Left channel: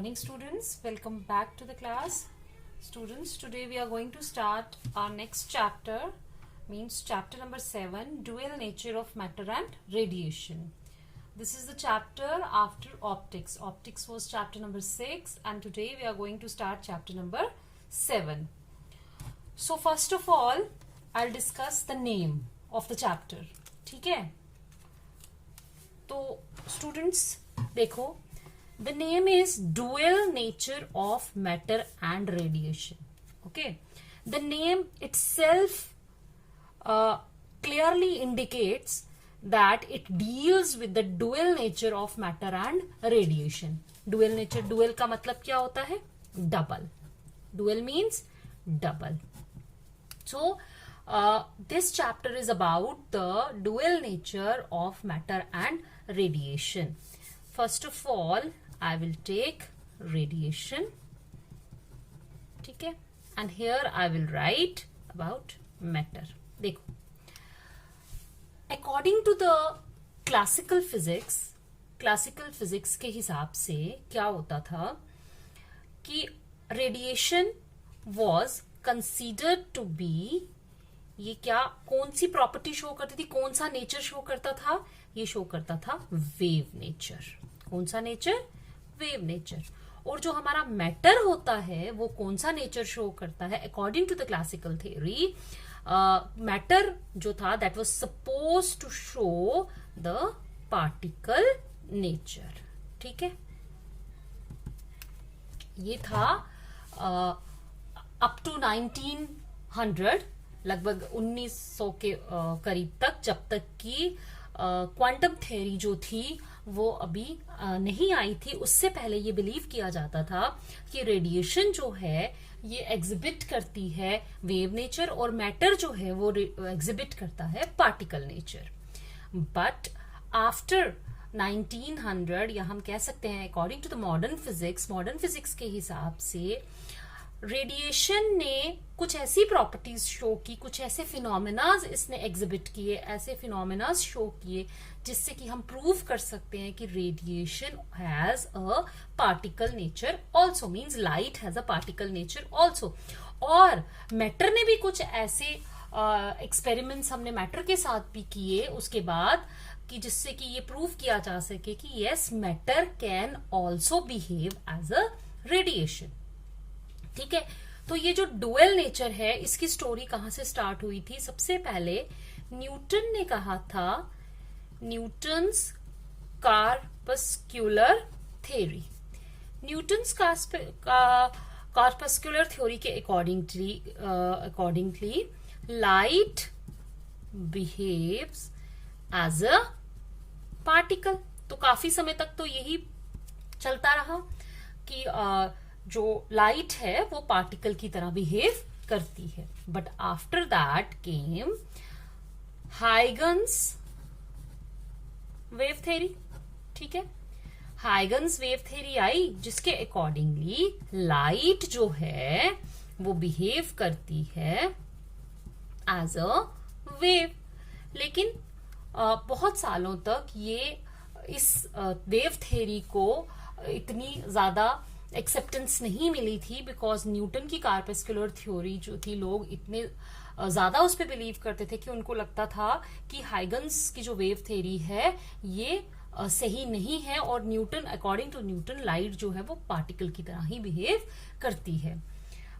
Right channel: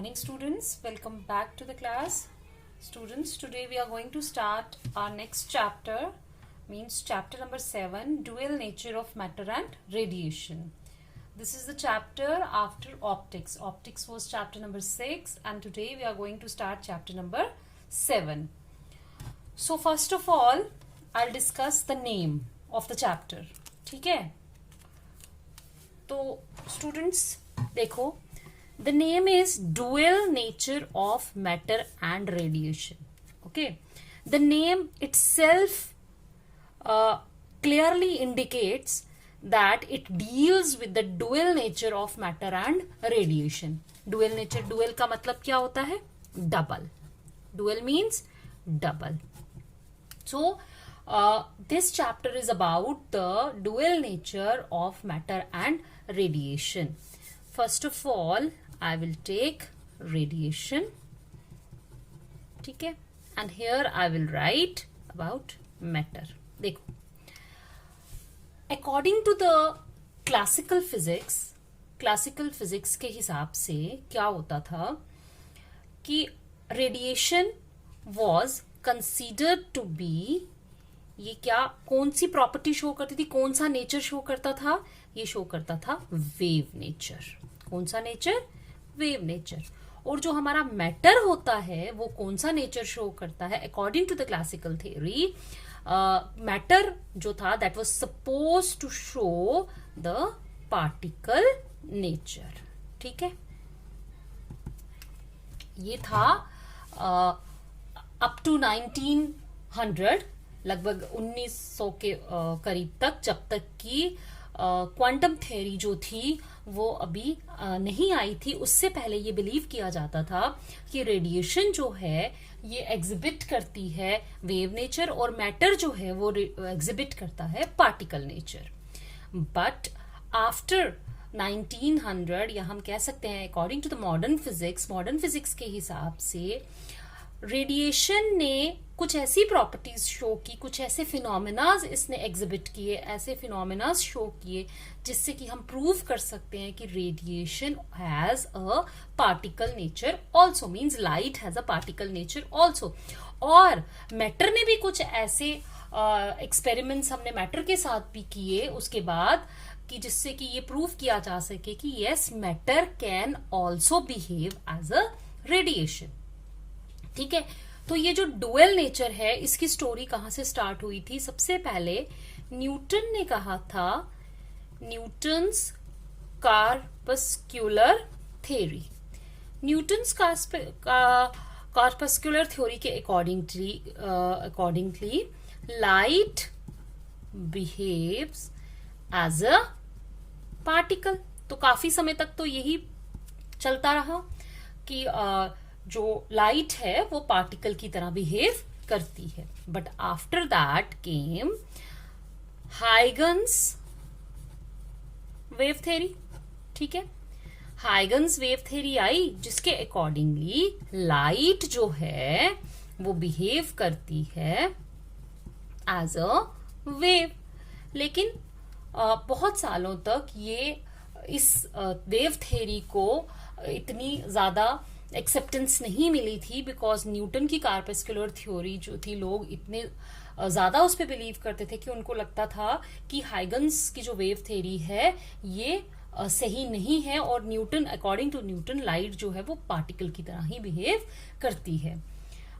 morning students, welcome back to the class. Students, today we are going to start our next chapter, means chapter number 7, dual nature of matter and radiation. This is the chapter after optics. Optics was chapter number 6 and today we are going to start chapter number 7. So first of all, I'll discuss the name of the chapter. ठीक है? तो students देखो, the name is dual nature of matter and radiation. Okay, the name itself clearly indicates that it deals with the dual nature of matter and radiation. Dual nature, dual का मतलब क्या होता है? Double. Dual means double. So this chapter is about the dual nature of matter and radiation. First of all, I will take radiation. ठीक है? And here I will write about matter. देखो, according to the classical physics के हिसाब से क्या होता था कि radiation was considered to be, ये क्या कौन सी प्रॉपर्टी शो करती थी, कौन सा नेचर शो करता था? ये शो करता था वेव नेचर. कौन सा नेचर? Wave nature. और जो हमारा मैटर होता है वो कौन सा नेचर शो करता है? According to the classical theory, matter जो था that was suppose to show the particle nature. ठीक है, ये था अप टू 1900, लगभग 1900 के करीब तक, जब तक कि क्वांटम थ्योरी जो थी वो अभी नहीं आई थी. उससे पहले ये बिलीव किया जाता था कि रेडिएशन जो है ये एग्जिबिट करती है वेव नेचर और मैटर जो है वो एग्जिबिट करता है पार्टिकल नेचर. बट आफ्टर 1900, या हम कह सकते हैं according to the modern physics के हिसाब से रेडिएशन ने कुछ ऐसी प्रॉपर्टीज शो की, कुछ ऐसे फिनोमेनाज इसने एग्जिबिट किए, ऐसे फिनोमेनाज शो किए जिससे कि हम प्रूव कर सकते हैं कि radiation has a particle nature also, means light has a particle nature also. और मैटर ने भी कुछ ऐसे एक्सपेरिमेंट्स हमने मैटर के साथ भी किए उसके बाद, कि जिससे कि ये प्रूव किया जा सके कि yes, matter can also behave as a radiation. ठीक है, तो ये जो डुअल नेचर है इसकी स्टोरी कहां से स्टार्ट हुई थी? सबसे पहले न्यूटन ने कहा था, Newton's corpuscular theory. Newton's corpuscular theory के accordingly light behaves as a particle. तो काफी समय तक तो यही चलता रहा कि जो लाइट है वो पार्टिकल की तरह बिहेव करती है. But after that came Huygens wave theory. ठीक है, हाइगन्स वेव थ्योरी आई जिसके अकॉर्डिंगली लाइट जो है वो बिहेव करती है एज अ वेव. लेकिन बहुत सालों तक ये इस वेव थ्योरी को इतनी ज्यादा एक्सेप्टेंस नहीं मिली थी, बिकॉज न्यूटन की कार्पस्कुलर थ्योरी जो थी, लोग इतने ज्यादा उस पर बिलीव करते थे कि उनको लगता था कि हाइगन्स की जो वेव थ्योरी है ये सही नहीं है, और Newton, according to Newton, light जो है वो पार्टिकल की तरह ही बिहेव करती है.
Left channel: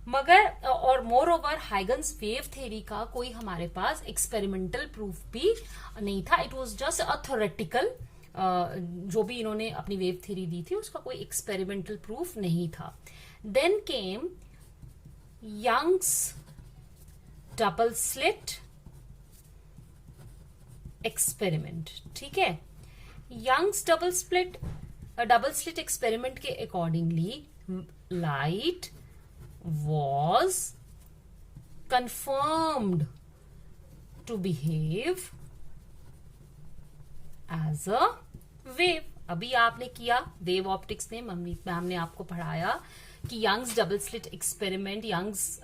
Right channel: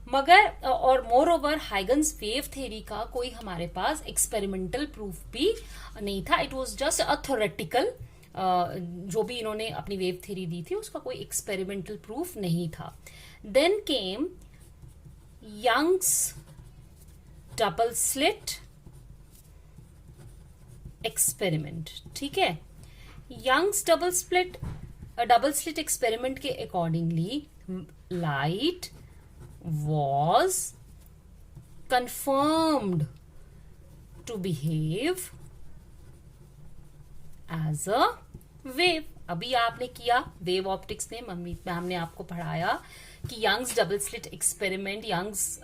मगर और more over Huygens wave theory का कोई हमारे पास एक्सपेरिमेंटल प्रूफ भी नहीं था. It was just a theoretical, जो भी इन्होंने अपनी वेव थ्योरी दी थी उसका कोई एक्सपेरिमेंटल प्रूफ नहीं था. Then came Young's double slit experiment. ठीक है, यंग्स डबल स्लिट एक्सपेरिमेंट के accordingly light was confirmed to behave as a wave. अभी आपने किया वेव ऑप्टिक्स में, मैम ने आपको पढ़ाया कि Young's double slit experiment, Young's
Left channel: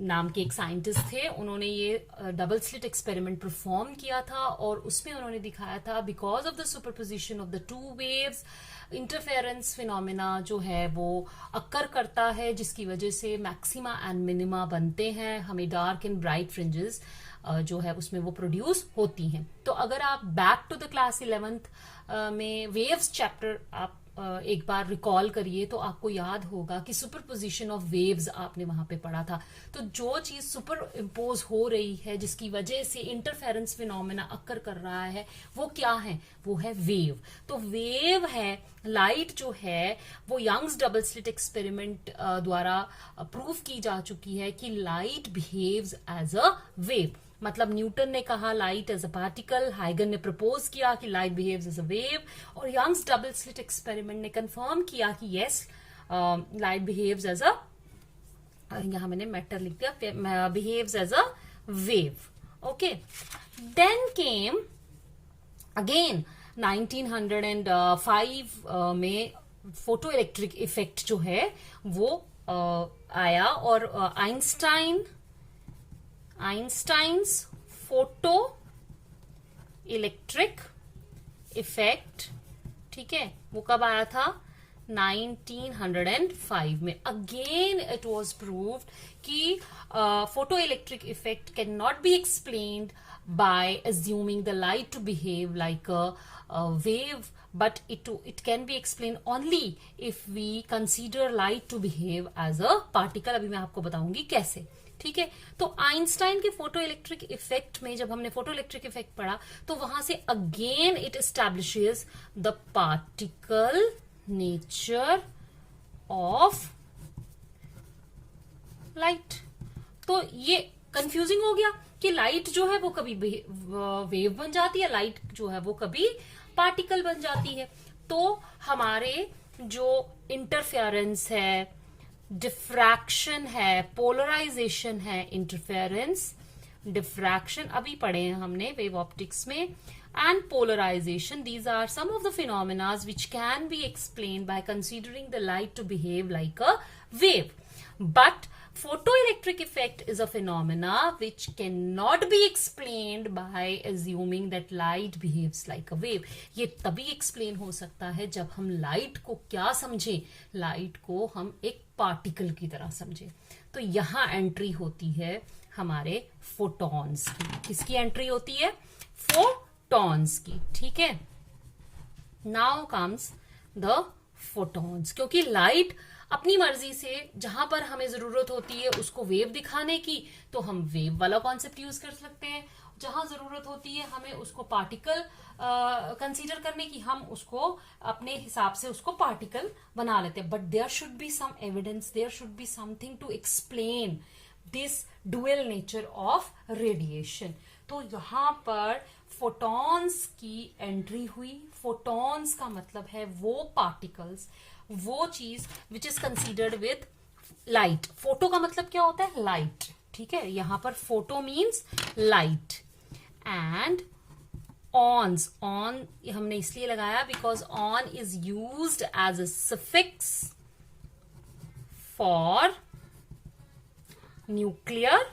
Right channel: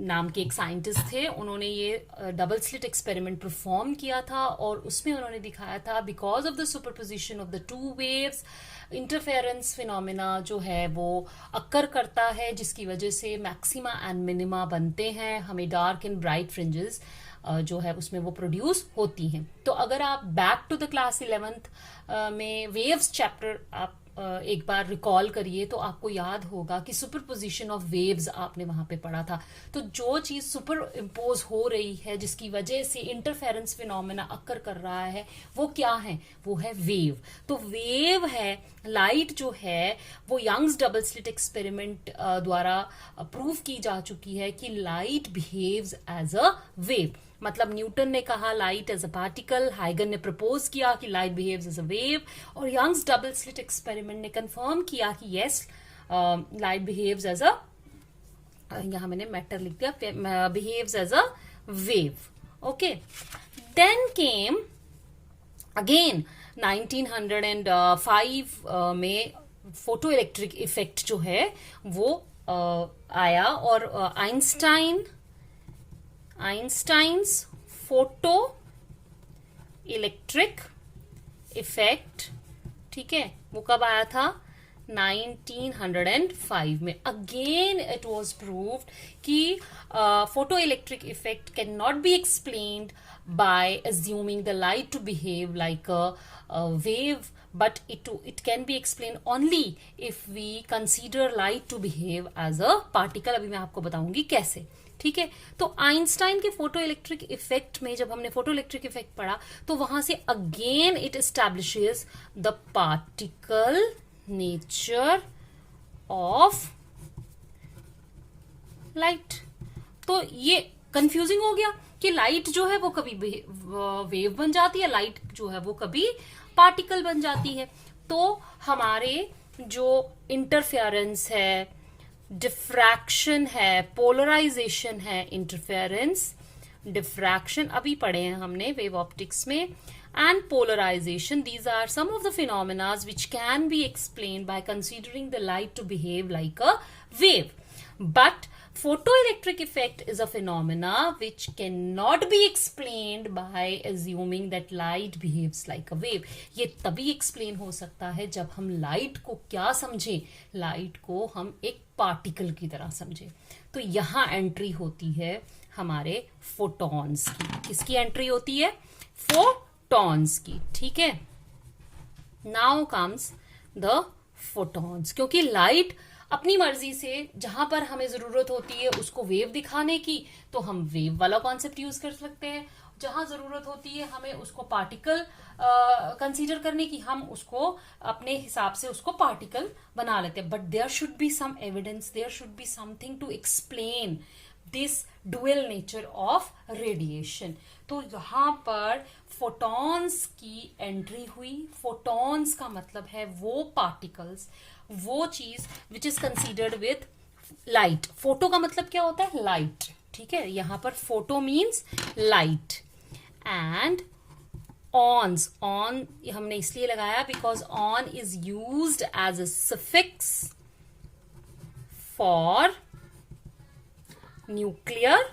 नाम के एक साइंटिस्ट थे, उन्होंने ये डबल स्लिट एक्सपेरिमेंट परफॉर्म किया था और उसमें उन्होंने दिखाया था because of the superposition of the two waves interference phenomena जो है वो अक्कर करता है, जिसकी वजह से मैक्सिमा एंड मिनिमा बनते हैं, हमें डार्क एंड ब्राइट फ्रिंजेस जो है उसमें वो प्रोड्यूस होती हैं। तो अगर आप back to the class 11th में वेव्स चैप्टर आप एक बार रिकॉल करिए तो आपको याद होगा कि सुपरपोजिशन ऑफ वेव्स आपने वहां पे पढ़ा था। तो जो चीज सुपर इम्पोज हो रही है जिसकी वजह से इंटरफेरेंस फिनोमेना अक्कर कर रहा है, वो क्या है? वो है वेव। तो वेव है लाइट जो है वो यंग्स डबल स्लिट एक्सपेरिमेंट द्वारा प्रूव की जा चुकी है कि light behaves as a wave. मतलब न्यूटन ने कहा लाइट एज अ पार्टिकल, हाइगन ने प्रपोज किया कि light behaves as a wave, और यंग्स डबल स्लिट एक्सपेरिमेंट ने कंफर्म किया कि yes light behaves as a, यहां मैंने मैटर लिख दिया, behaves as a wave. Okay, then came again 1905 में फोटो इलेक्ट्रिक इफेक्ट जो है वो आया, और आइंस्टाइन्स फोटो इलेक्ट्रिक इफेक्ट, ठीक है, वो कब आया था? 1905 में। अगेन इट वॉज प्रूव्ड कि photo electric effect can not be explained by assuming the light to behave like a wave, but it can be explained only if we consider light to behave as a particle। अभी मैं आपको बताऊंगी कैसे, ठीक है। तो Einstein के photo electric effect में जब हमने फोटो इलेक्ट्रिक इफेक्ट पढ़ा तो वहां से again it establishes the particle nature of light. तो ये कंफ्यूजिंग हो गया कि लाइट जो है वो कभी वेव बन जाती है, लाइट जो है वो कभी पार्टिकल बन जाती है। तो हमारे जो इंटरफेरेंस है, डिफ्रैक्शन है, पोलराइजेशन है, इंटरफेरेंस, डिफ्रैक्शन अभी पढ़े हैं हमने वेव ऑप्टिक्स में, and polarisation, these are some of the phenomena which can be explained by considering the light to behave like a wave. But photoelectric effect is a phenomena which cannot be explained by assuming that light behaves like a wave। ये तभी explain हो सकता है जब हम light को क्या समझें, light को हम एक particle की तरह समझें। तो यहाँ एंट्री होती है हमारे photons की। किसकी एंट्री होती है? photons की, ठीक है। Now comes the photons, क्योंकि लाइट अपनी मर्जी से जहां पर हमें जरूरत होती है उसको वेव दिखाने की, तो हम वेव वाला कॉन्सेप्ट यूज कर सकते हैं। जहां जरूरत होती है हमें उसको पार्टिकल कंसीडर करने की, हम उसको अपने हिसाब से उसको पार्टिकल बना लेते हैं। But there should be some evidence, there should be something to explain this dual nature of radiation. तो यहां पर फोटॉन्स की एंट्री हुई। फोटॉन्स का मतलब है वो पार्टिकल्स, वो चीज which is considered with light. Photo का मतलब क्या होता है? लाइट, ठीक है। यहां पर photo means light, and ons, on हमने इसलिए लगाया because on is used as a suffix for nuclear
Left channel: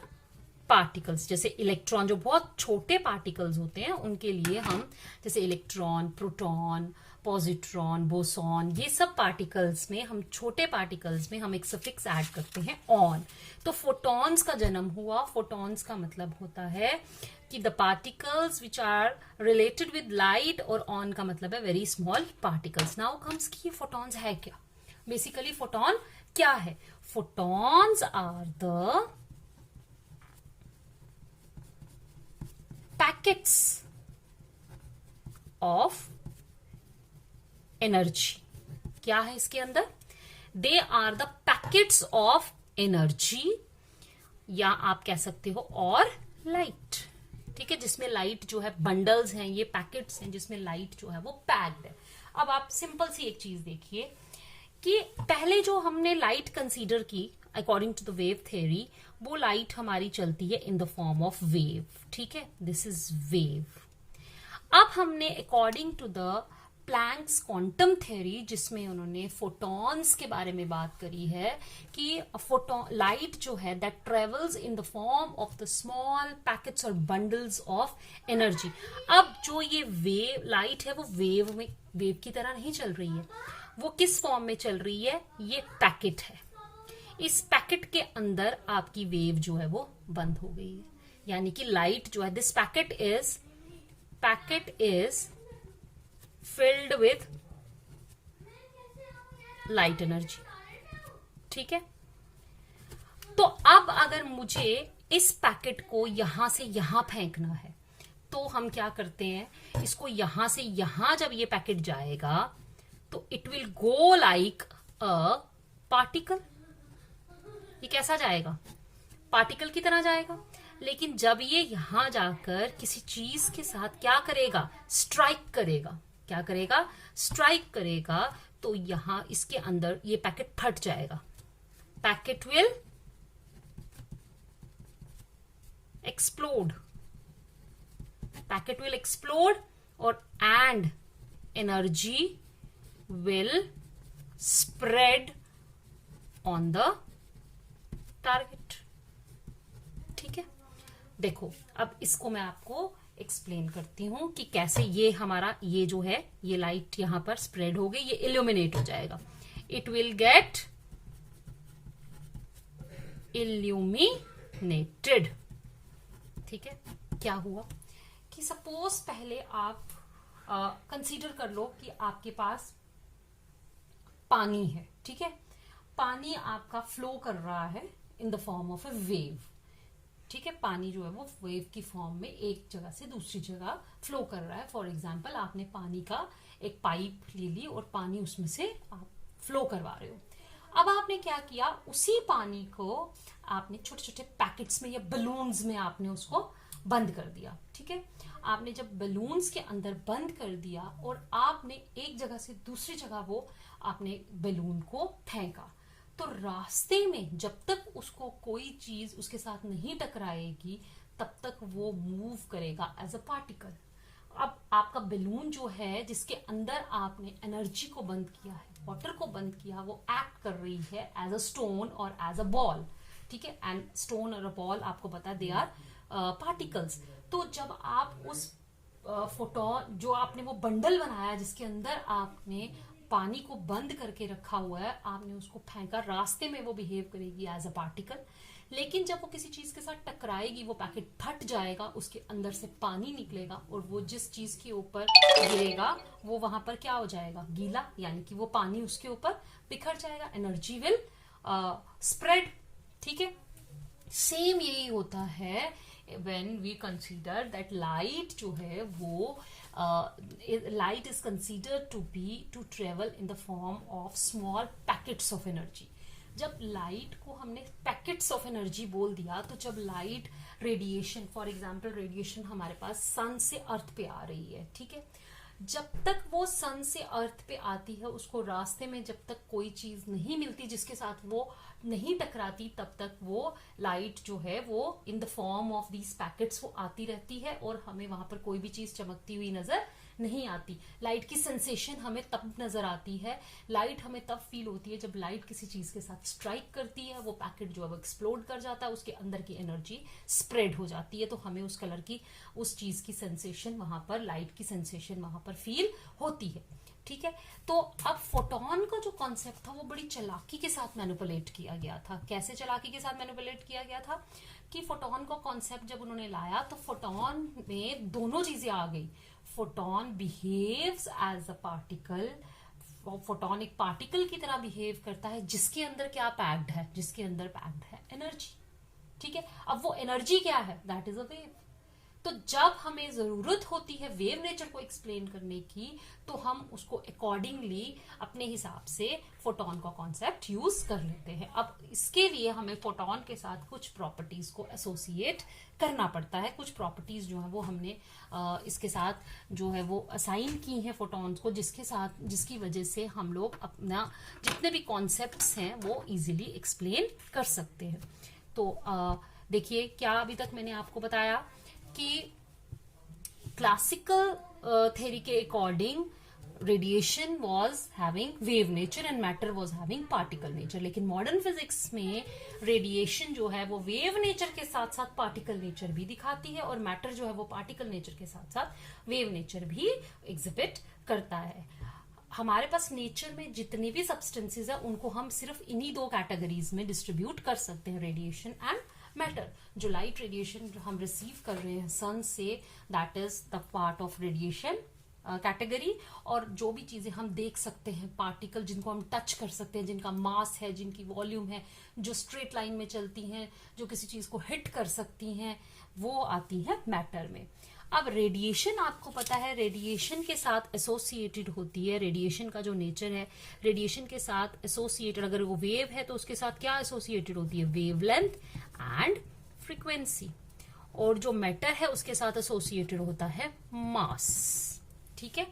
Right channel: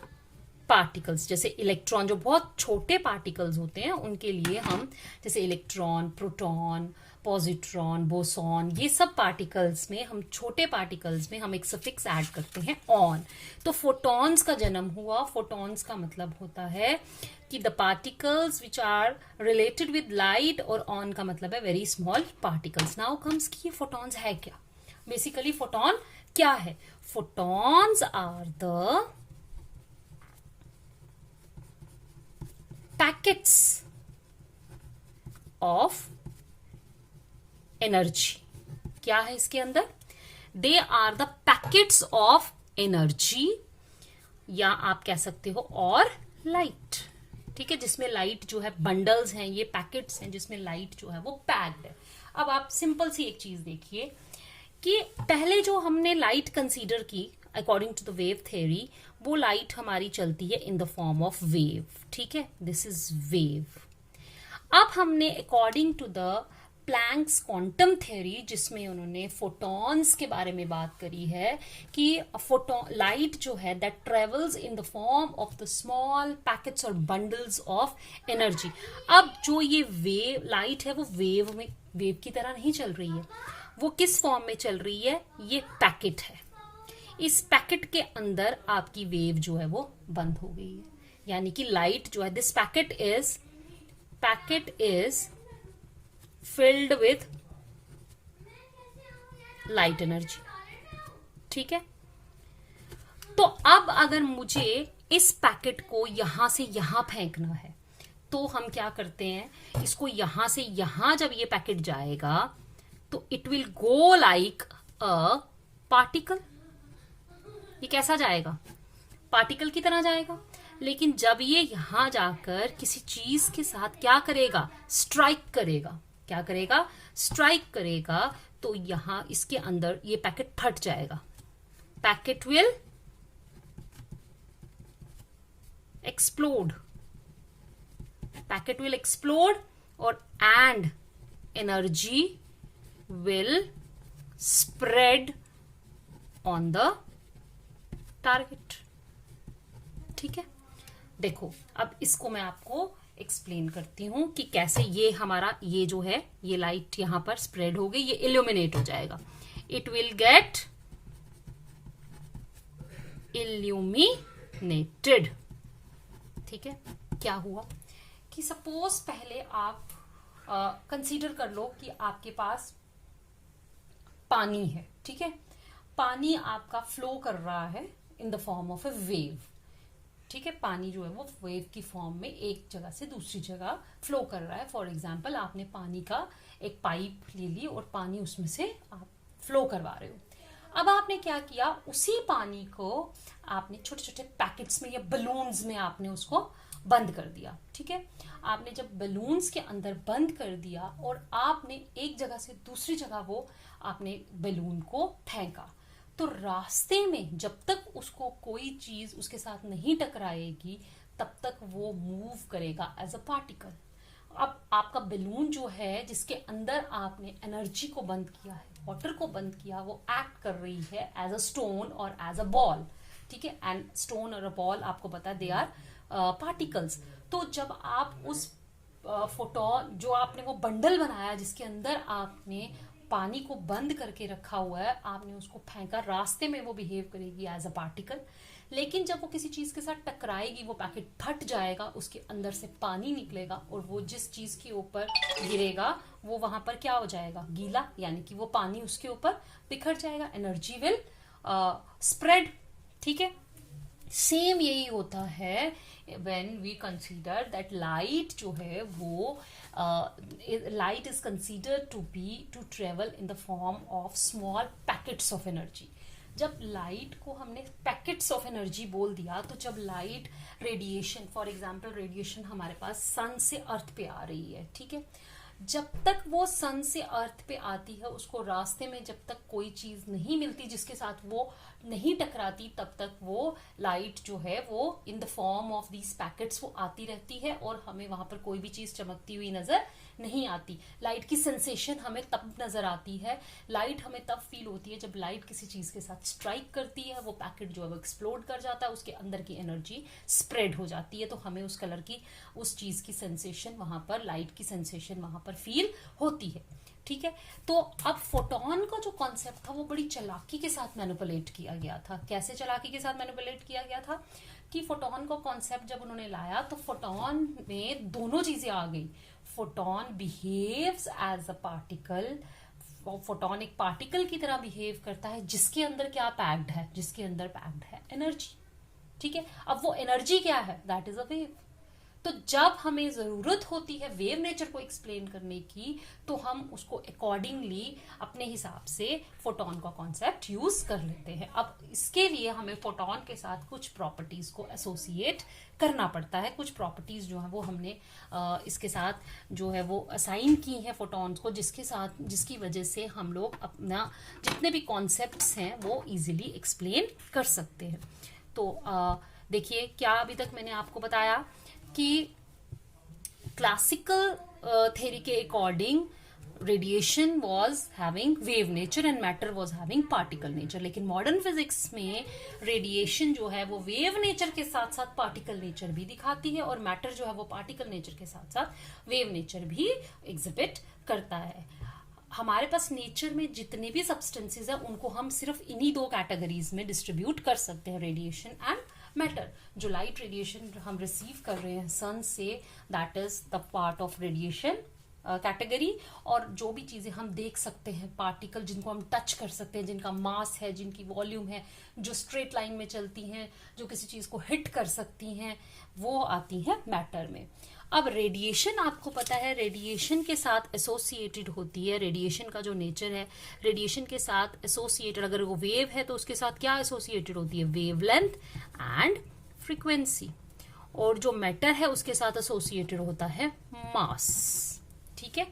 particles. जैसे इलेक्ट्रॉन, जो बहुत छोटे पार्टिकल्स होते हैं उनके लिए हम, जैसे इलेक्ट्रॉन, प्रोटॉन, पॉजिट्रॉन, बोसॉन, ये सब पार्टिकल्स में, हम छोटे पार्टिकल्स में हम एक सफिक्स ऐड करते हैं ऑन। तो फोटॉन्स का जन्म हुआ। फोटॉन्स का मतलब होता है कि the particles which are related with light, और ऑन का मतलब है very small particles. Now comes कि ये फोटॉन्स है क्या? बेसिकली फोटॉन क्या है? Photons are the packets of energy. क्या है इसके अंदर? They are the packets of energy, या आप कह सकते हो और लाइट, ठीक है, जिसमें लाइट जो है, बंडल्स हैं, ये पैकेट्स हैं जिसमें लाइट जो है वो पैक्ड है। अब आप सिंपल सी एक चीज देखिए कि पहले जो हमने लाइट कंसीडर की according to the wave theory, वो लाइट हमारी चलती है in the form of wave, ठीक है, दिस इज वेव। अब हमने according to the Planck's quantum theory, जिसमें उन्होंने फोटॉन्स के बारे में बात करी है कि फोटोन लाइट जो है that travels in the form of the small packets और बंडल्स ऑफ एनर्जी। अब जो ये वेव लाइट है वो वेव की तरह नहीं चल रही है, वो किस फॉर्म में चल रही है, ये पैकेट है। इस पैकेट के अंदर आपकी वेव जो है वो बंद हो गई है, यानी कि लाइट जो है, this packet is filled with light energy. ठीक है, तो अब अगर मुझे इस पैकेट को यहां से यहां फेंकना है तो हम क्या करते हैं, इसको यहां से यहां जब ये पैकेट जाएगा तो it will go like a particle. ये कैसा जाएगा, पार्टिकल की तरह जाएगा। लेकिन जब ये यहां जाकर किसी चीज के साथ क्या करेगा, स्ट्राइक करेगा, क्या करेगा, स्ट्राइक करेगा, तो यहां इसके अंदर ये पैकेट फट जाएगा। Packet will explode, packet will explode और and energy will spread on the target. ठीक है, देखो अब इसको मैं आपको एक्सप्लेन करती हूं कि कैसे ये हमारा ये जो है ये लाइट यहां पर स्प्रेड हो गई, ये इल्यूमिनेट हो जाएगा, इट विल गेट इल्यूमिनेटेड। ठीक है, क्या हुआ कि सपोज पहले आप कंसीडर कर लो कि आपके पास पानी है। ठीक है, पानी आपका फ्लो कर रहा है in the form of A wave. ठीक है, पानी जो है वो वेव की फॉर्म में एक जगह से दूसरी जगह फ्लो कर रहा है। फॉर एग्जाम्पल, आपने पानी का एक पाइप ले ली और पानी उसमें से आप फ्लो करवा रहे हो। अब आपने क्या किया, उसी पानी को आपने छोटे छोटे पैकेट्स में या बलून्स में आपने उसको बंद कर दिया। ठीक है, आपने जब बलून्स के अंदर बंद कर दिया और आपने एक जगह से दूसरी जगह वो आपने बलून को फेंका, तो रास्ते में जब तक उसको कोई चीज उसके साथ नहीं टकराएगी तब तक वो मूव करेगा एज अ पार्टिकल। अब आपका बलून जो है जिसके अंदर आपने एनर्जी को बंद किया है, वाटर को बंद किया, वो एक्ट कर रही है एज अ स्टोन और एज अ बॉल। ठीक है, एंड स्टोन और अ बॉल आपको पता है दे आर पार्टिकल्स। तो जब आप उस फोटोन जो आपने वो बंडल बनाया जिसके अंदर आपने पानी को बंद करके रखा हुआ है, आपने उसको फेंका, रास्ते में वो बिहेव करेगी एज अ पार्टिकल। लेकिन जब वो किसी चीज के साथ टकराएगी वो पैकेट फट जाएगा, उसके अंदर से पानी निकलेगा और वो जिस चीज के ऊपर गिरेगा वो वहां पर क्या हो जाएगा, गीला, यानी कि वो पानी उसके ऊपर बिखर जाएगा, एनर्जी विल स्प्रेड। ठीक है, सेम यही होता है when we consider that light जो है वो light is considered to travel in the form of small packets of energy। जब लाइट को हमने पैकेट्स ऑफ एनर्जी बोल दिया, तो जब light radiation, for example radiation हमारे पास सन से अर्थ पे आ रही है। ठीक है, जब तक वो सन से अर्थ पे आती है, उसको रास्ते में जब तक कोई चीज नहीं मिलती जिसके साथ वो नहीं टकराती, तब तक वो लाइट जो है वो इन the form of these packets वो आती रहती है और हमें वहां पर कोई भी चीज चमकती हुई नजर नहीं आती। लाइट की सेंसेशन हमें तब नजर आती है, लाइट हमें तब फील होती है जब लाइट किसी चीज के साथ स्ट्राइक करती है, वो पैकेट जो है वो एक्सप्लोड कर जाता है, उसके अंदर की एनर्जी स्प्रेड हो जाती है, तो हमें उस कलर की उस चीज की सेंसेशन वहां पर, लाइट की सेंसेशन वहां पर फील होती है। ठीक है, तो अब फोटोन का जो कॉन्सेप्ट था वो बड़ी चालाकी के साथ मैनिपुलेट किया गया था। कैसे चालाकी के साथ मैनिपुलेट किया गया था कि फोटोन का कॉन्सेप्ट जब उन्होंने लाया तो फोटोन में दोनों चीजें आ गई। Photon behaves as a particle, photon एक पार्टिकल की तरह बिहेव करता है जिसके अंदर क्या पैक्ड है, जिसके अंदर पैक्ड है एनर्जी। ठीक है, अब वो एनर्जी क्या है, दैट इज अ वेव। तो जब हमें जरूरत होती है वेव नेचर को एक्सप्लेन करने की, तो हम उसको अकॉर्डिंगली अपने हिसाब से फोटोन का कॉन्सेप्ट यूज कर लेते हैं। अब इसके लिए हमें फोटोन के साथ कुछ प्रॉपर्टीज को एसोसिएट करना पड़ता है। कुछ प्रॉपर्टीज जो है वो हमने इसके साथ जो है वो असाइन की हैं फोटोन्स को, जिसकी वजह से हम लोग अपना जितने भी कॉन्सेप्ट्स हैं वो इजीली एक्सप्लेन कर सकते हैं। तो देखिए, क्या अभी तक मैंने आपको बताया कि क्लासिकल थ्योरी के according radiation was having wave nature and matter was having particle nature. लेकिन मॉडर्न फिजिक्स में रेडिएशन जो है वो वेव नेचर के साथ साथ पार्टिकल नेचर भी दिखाती है, और मैटर जो है वो पार्टिकल नेचर के साथ साथ वेव नेचर भी एग्जिबिट करता है। हमारे पास नेचर में जितने भी सब्सटेंसेस है उनको हम सिर्फ इन्हीं दो कैटेगरीज में डिस्ट्रीब्यूट कर सकते हैं, रेडिएशन एंड मैटर। जो लाइट रेडिएशन हम रिसीव कर रहे हैं सन से, that is the part of radiation category. और जो भी चीजें हम देख सकते हैं, पार्टिकल जिनको हम टच कर सकते हैं, जिनका मास है, जिनकी वॉल्यूम है, जो स्ट्रेट लाइन में चलती हैं, जो किसी चीज को हिट कर सकती हैं, वो आती है मैटर में। अब रेडिएशन, आपको पता है रेडिएशन के साथ एसोसिएटेड होती है, रेडिएशन का जो नेचर है रेडिएशन के साथ एसोसिएटेड, अगर वो वेव है तो उसके साथ क्या एसोसिएटेड होती है, वेवलेंथ एंड फ्रीक्वेंसी। और जो मैटर है उसके साथ एसोसिएटेड होता है मास। ठीक है,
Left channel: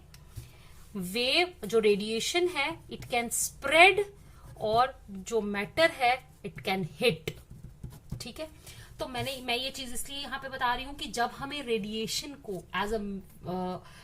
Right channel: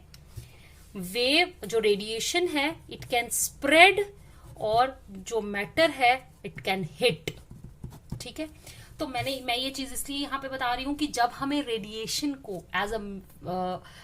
वेव जो रेडिएशन है इट कैन स्प्रेड, और जो मैटर है इट कैन हिट। ठीक है, तो मैं ये चीज इसलिए यहां पे बता रही हूं कि जब हमें रेडिएशन को एज अ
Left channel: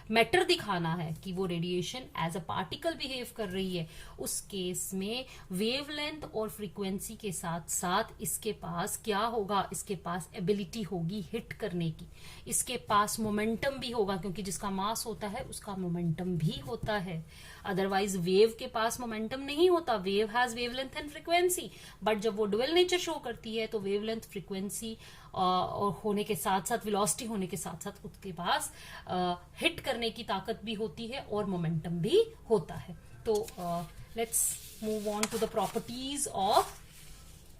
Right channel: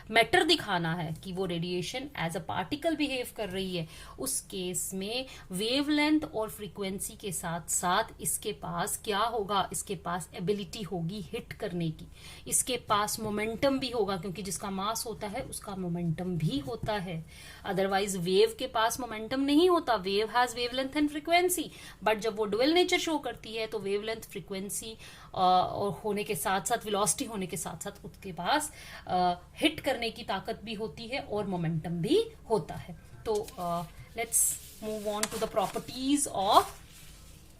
मैटर दिखाना है कि वो radiation as a particle behave कर रही है, उस केस में वेवलेंथ और फ्रीक्वेंसी के साथ साथ इसके पास क्या होगा, इसके पास एबिलिटी होगी हिट करने की, इसके पास मोमेंटम भी होगा, क्योंकि जिसका मास होता है उसका मोमेंटम भी होता है। अदरवाइज वेव के पास मोमेंटम नहीं होता, wave has wavelength and frequency, but जब वो डुअल नेचर शो करती है तो वेवलेंथ, फ्रीक्वेंसी और होने के साथ साथ वेलोसिटी होने के साथ साथ उसके पास हिट करने की ताकत भी होती है और मोमेंटम भी होता है। तो let's move on to the properties of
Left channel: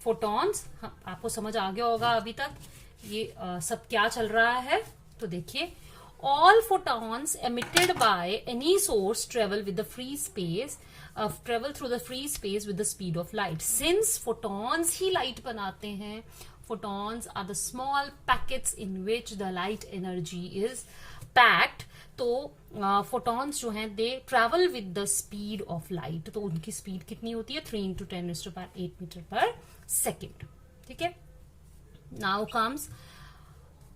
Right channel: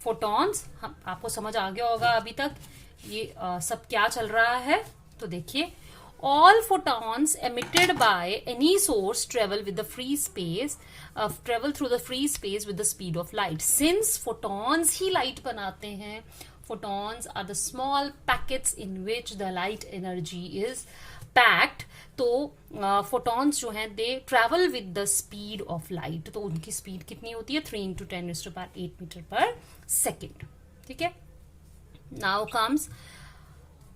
photons. आपको समझ आ गया होगा अभी तक ये सब क्या चल रहा है। तो देखिए, all photons emitted by any source travel with the free space, travel through the free space with the speed of light. Since photons he light बनाते हैं, photons are the small packets in which the light energy is packed. तो photons जो हैं they travel with the speed of light. तो उनकी speed कितनी होती है, 3 × 10⁸ मीटर पर सेकेंड। ठीक है, now comes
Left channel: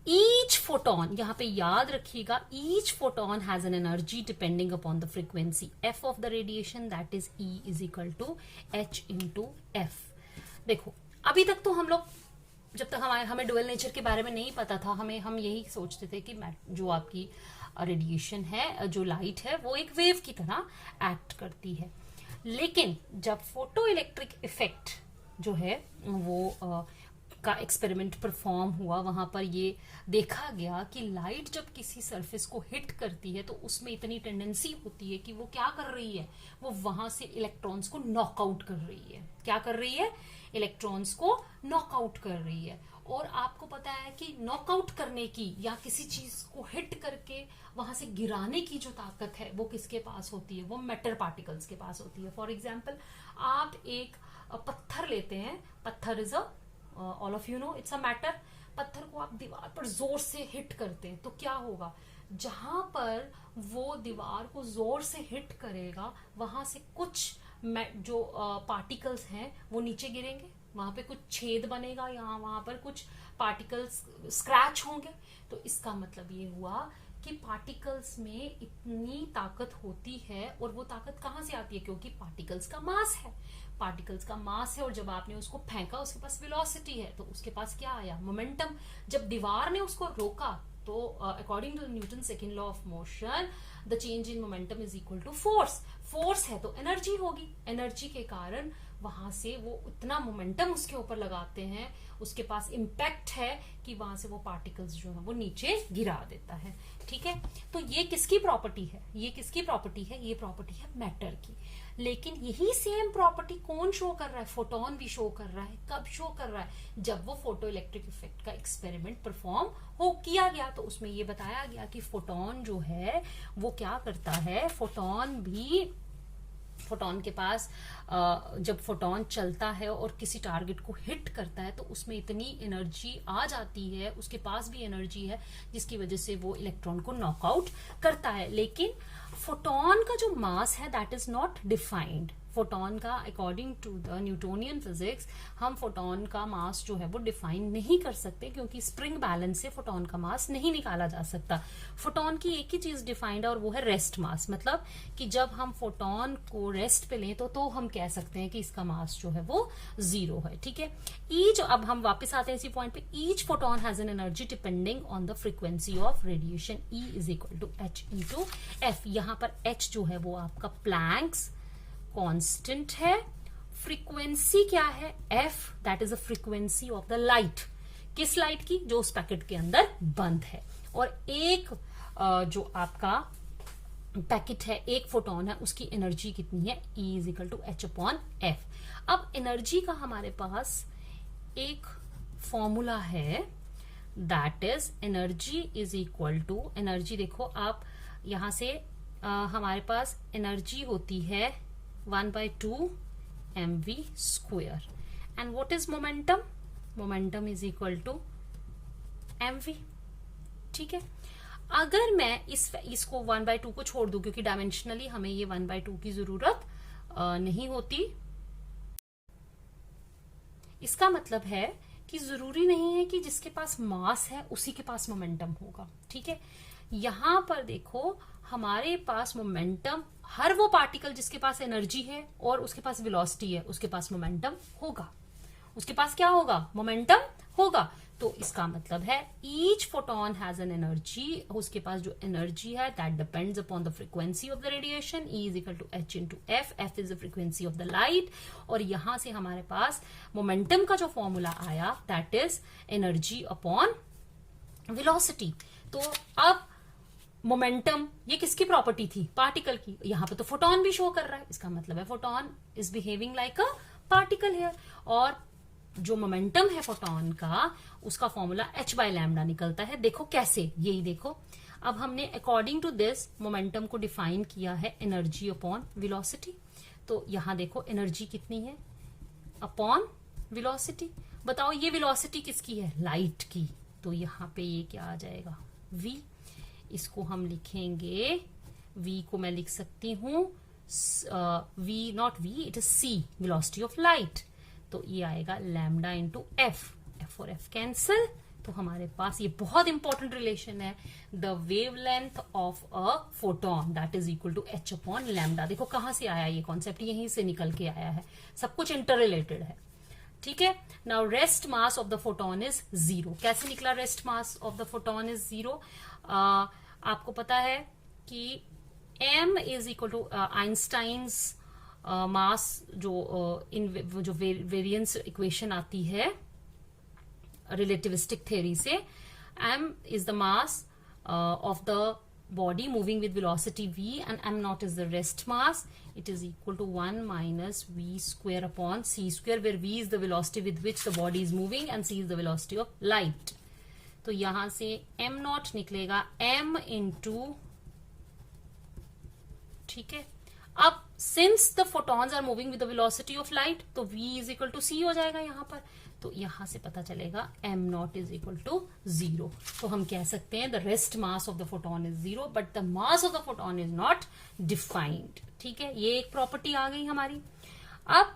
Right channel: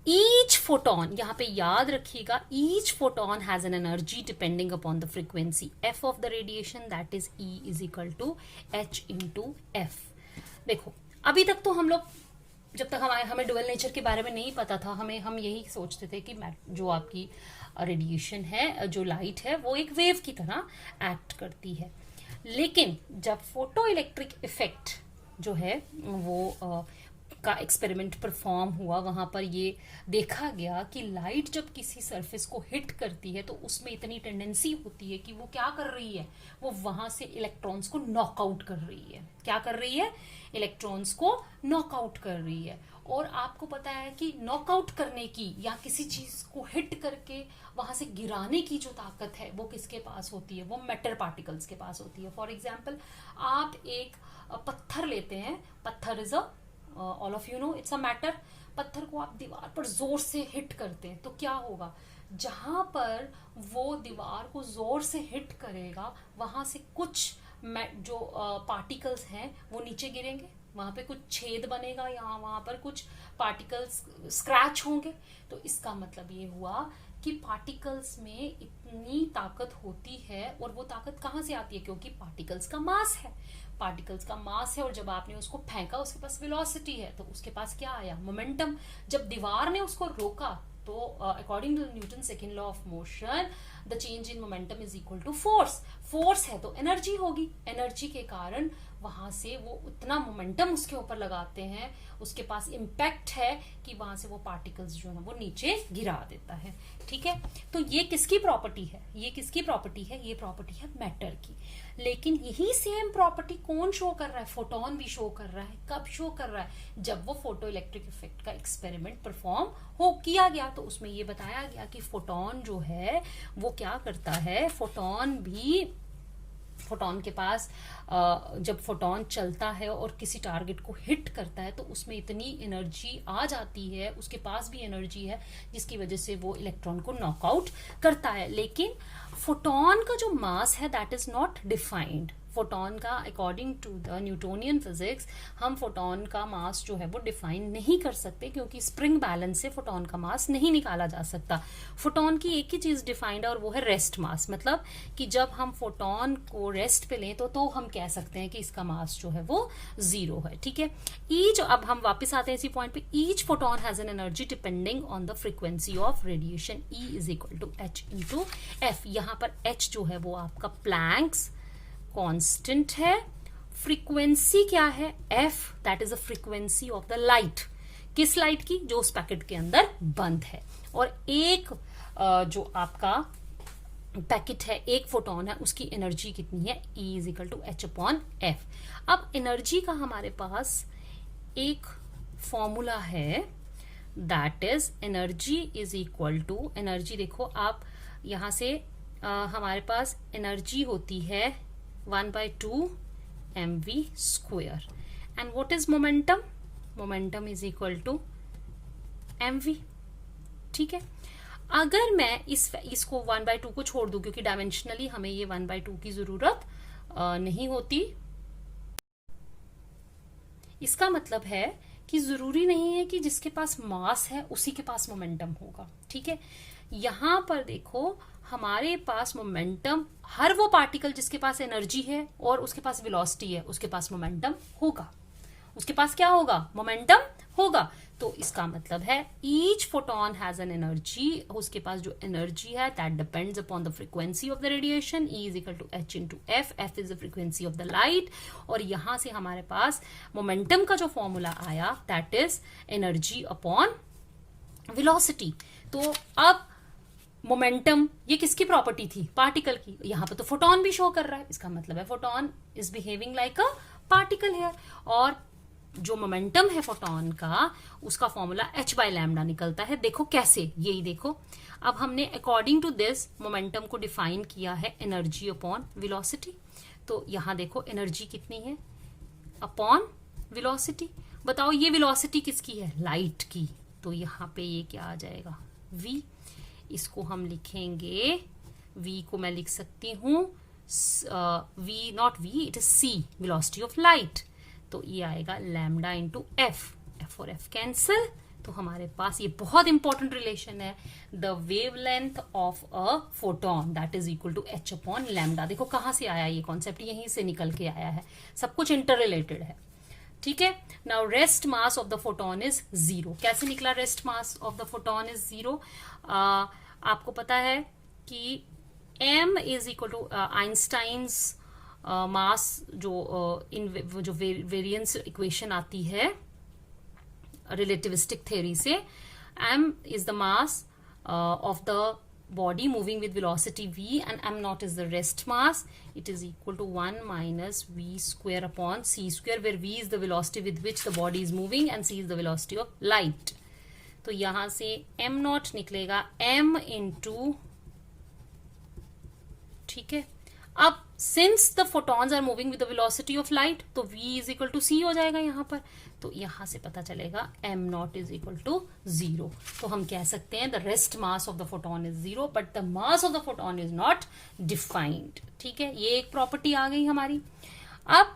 each photon, यहां पे याद रखिएगा, each photon has an energy depending upon the frequency f of the radiation, that is E is equal to h into f। देखो, अभी तक तो हम लोग जब तक हमें डुअल नेचर के बारे में नहीं पता था, हम यही सोचते थे कि जो आपकी रेडिएशन है, जो लाइट है, वो एक वेव की तरह एक्ट करती है। लेकिन जब फोटो इलेक्ट्रिक इफेक्ट जो है वो का एक्सपेरिमेंट परफॉर्म हुआ, वहां पर ये देखा गया कि लाइट जब किसी सरफेस को हिट करती है तो उसमें इतनी टेंडेंसी होती है कि वो क्या कर रही है, वो वहां से इलेक्ट्रॉन्स को नॉकआउट कर रही है। क्या कर रही है, इलेक्ट्रॉन्स को नॉकआउट कर रही है। और आपको पता है कि नॉकआउट करने की या किसी चीज को हिट करके वहां से गिराने की जो ताकत है वो किसके पास होती है, वो मैटर पार्टिकल्स के पास होती है। फॉर एग्जाम्पल, आप एक पत्थर लेते हैं, पत्थर is all of you know it's a matter. पत्थर को आप दीवार पर जोर से हिट करते हैं तो क्या होगा, जहां पर वो दीवार को जोर से हिट करेगा वहां से कुछ जो पार्टिकल्स हैं वो नीचे गिरेंगे, वहां पे कुछ छेद बनेगा, वहां पर कुछ पार्टिकल्स स्क्रैच होंगे। तो इसका मतलब ये हुआ कि पार्टिकल्स में इतनी ताकत होती है, और वो ताकत कहां से आती है, क्योंकि पार्टिकल्स का मास है, पार्टिकल्स का मास है, और जब आपने उसको फेंका उसके पास वेलोसिटी है, तो उसके पास क्या आया, मोमेंटम। जब दीवार ने उसको रोका तो according to Newton second law of motion, the change in momentum is equal to force. Force है तो एनर्जी होगी, एनर्जी के कारण वहां से वो उतना मोमेंटम उसके ऊपर लगाते हैं, उसके पास इम्पैक्ट है कि वहां से वो पार्टिकल्स जो है वो नीचे गिरा देता है। ठीक है, तो ये किसकी प्रॉपर्टी है, ये किसकी प्रॉपर्टी है, ये प्रॉपर्टी है मैटर की। लेकिन यही सेम प्रॉपर्टी कौन शो कर रहा है, फोटोन भी शो कर रहा है। कब शो कर रहा है, जब वो फोटो इलेक्ट्रिक इफेक्ट का एक्सपेरिमेंट परफॉर्म हो किया गया, तो उसमें ये बताया गया कि फोटोन जो है वो क्या करता है, फोटोन के पास जब फोटोन चलता है और किसी टारगेट को हिट करता है तो उसमें इतनी एनर्जी आ जाती है, उसके पास भी एनर्जी है, जिसकी वजह से वो इलेक्ट्रॉन को नॉकआउट करता है। लेकिन फोटोन का जो मास है that is not defined. Photon का according to the Newtonian physics हम फोटोन का मास जो है वो डिफाइन नहीं कर सकते, क्योंकि स्प्रिंग बैलेंस से फोटोन का मास नहीं निकाला जा सकता। फोटोन की एक ही चीज डिफाइंड है और वो है रेस्ट मास, मतलब कि जब हम फोटोन को रेस्ट पे लें तो हम कह सकते हैं कि इसका मास जो है वो 0 है। ठीक है, ईच, अब हम वापस आते हैं इसी पॉइंट पे, each photon has an energy depending on the frequency of radiation, E is equal to H into F. यहाँ पर एच जो है वो आपका प्लैंक्स कांस्टेंट है, फ्रीक्वेंसी क्या है, F, that is the frequency of the light. किस लाइट की, जो उस पैकेट के अंदर बंद है। और एक जो आपका पैकेट है, एक फोटोन है, उसकी एनर्जी कितनी है, E is equal to H upon F. अब एनर्जी का हमारे पास एक फॉर्मूला है, that is energy is equal to, energy देखो आप यहां से हमारे पास एनर्जी होती है 1/2 mv square, and what is momentum, momentum is equal to mv। ठीक है, अगर मैं इसको 1/2 को छोड़ दूं, क्योंकि डायमेंशनली हमें ये 1/2 की जरूरत नहीं होती, इसका मतलब है कि जरूरी नहीं है कि जिसके पास मास है उसी के पास मोमेंटम होगा। ठीक है, यहां पर देखो हमारे पास मोमेंटम, हर वो पार्टिकल जिसके पास एनर्जी है और उसके पास वेलोसिटी है, उसके पास मोमेंटम होगा, उसके पास क्या होगा, मोमेंटम होगा। तो इसका मतलब है each photon has an energy, उसके पास जो एनर्जी है that depends upon the frequency of the radiation, E is equal to H into F, F is the frequency of the light. और यहां से हमारे पास मोमेंटम का जो फॉर्मूला आया that is energy upon velocity. तो अब मोमेंटम ये किसकी प्रॉपर्टी थी, पार्टिकल की, यहां पे तो फोटोन भी शो कर रहा है, इसका मतलब है photon is behaving like a particle here. और जो मोमेंटम है फोटोन का, उसका फॉर्मूला h बाय लैम्डा निकलता है। देखो कैसे, यही देखो, अब हमने अकॉर्डिंग टू दिस मोमेंटम को डिफाइन किया है एनर्जी अपॉन वेलोसिटी। तो यहां देखो एनर्जी कितनी है अपॉन वेलोसिटी। बताओ ये वेलोसिटी किसकी है, लाइट की, तो यहां पे ये क्या आ जाएगा, v। इसको हम लिखेंगे, v को मैं लिख सकती हूं v, not v, it is c, velocity of light. तो ये आएगा लैम्डा इंटू एफ, एफ और एफ कैंसिल, तो हमारे पास ये बहुत इंपॉर्टेंट रिलेशन है, the wavelength of a photon that is equal to H upon lambda. देखो कहां से आया ये कॉन्सेप्ट, यहीं से निकल के आया है, सब कुछ इंटर रिलेटेड है। ठीक है, now rest mass of the photon is 0। कैसे निकला rest mass of the photon is 0? आपको पता है कि m is equal to Einstein's mass, जो वेरिएंस इक्वेशन आती है रिलेटिविस्टिक थ्योरी से, m is the mass of the body moving with velocity v, and m naught is the rest mass. It is equal to 1 minus v square upon c square, where v is the velocity with which the body is moving and c is the velocity of light. तो यहां से m naught निकलेगा m into, ठीक है, अब since the photons are moving with the velocity of light, तो v is equal to c हो जाएगा यहां पर। तो यहां से पता चलेगा m naught is equal to 0। तो हम कह सकते हैं the rest mass of the photon is 0 but the mass of the photon is not defined। ठीक है, ये एक प्रॉपर्टी आ गई हमारी। अब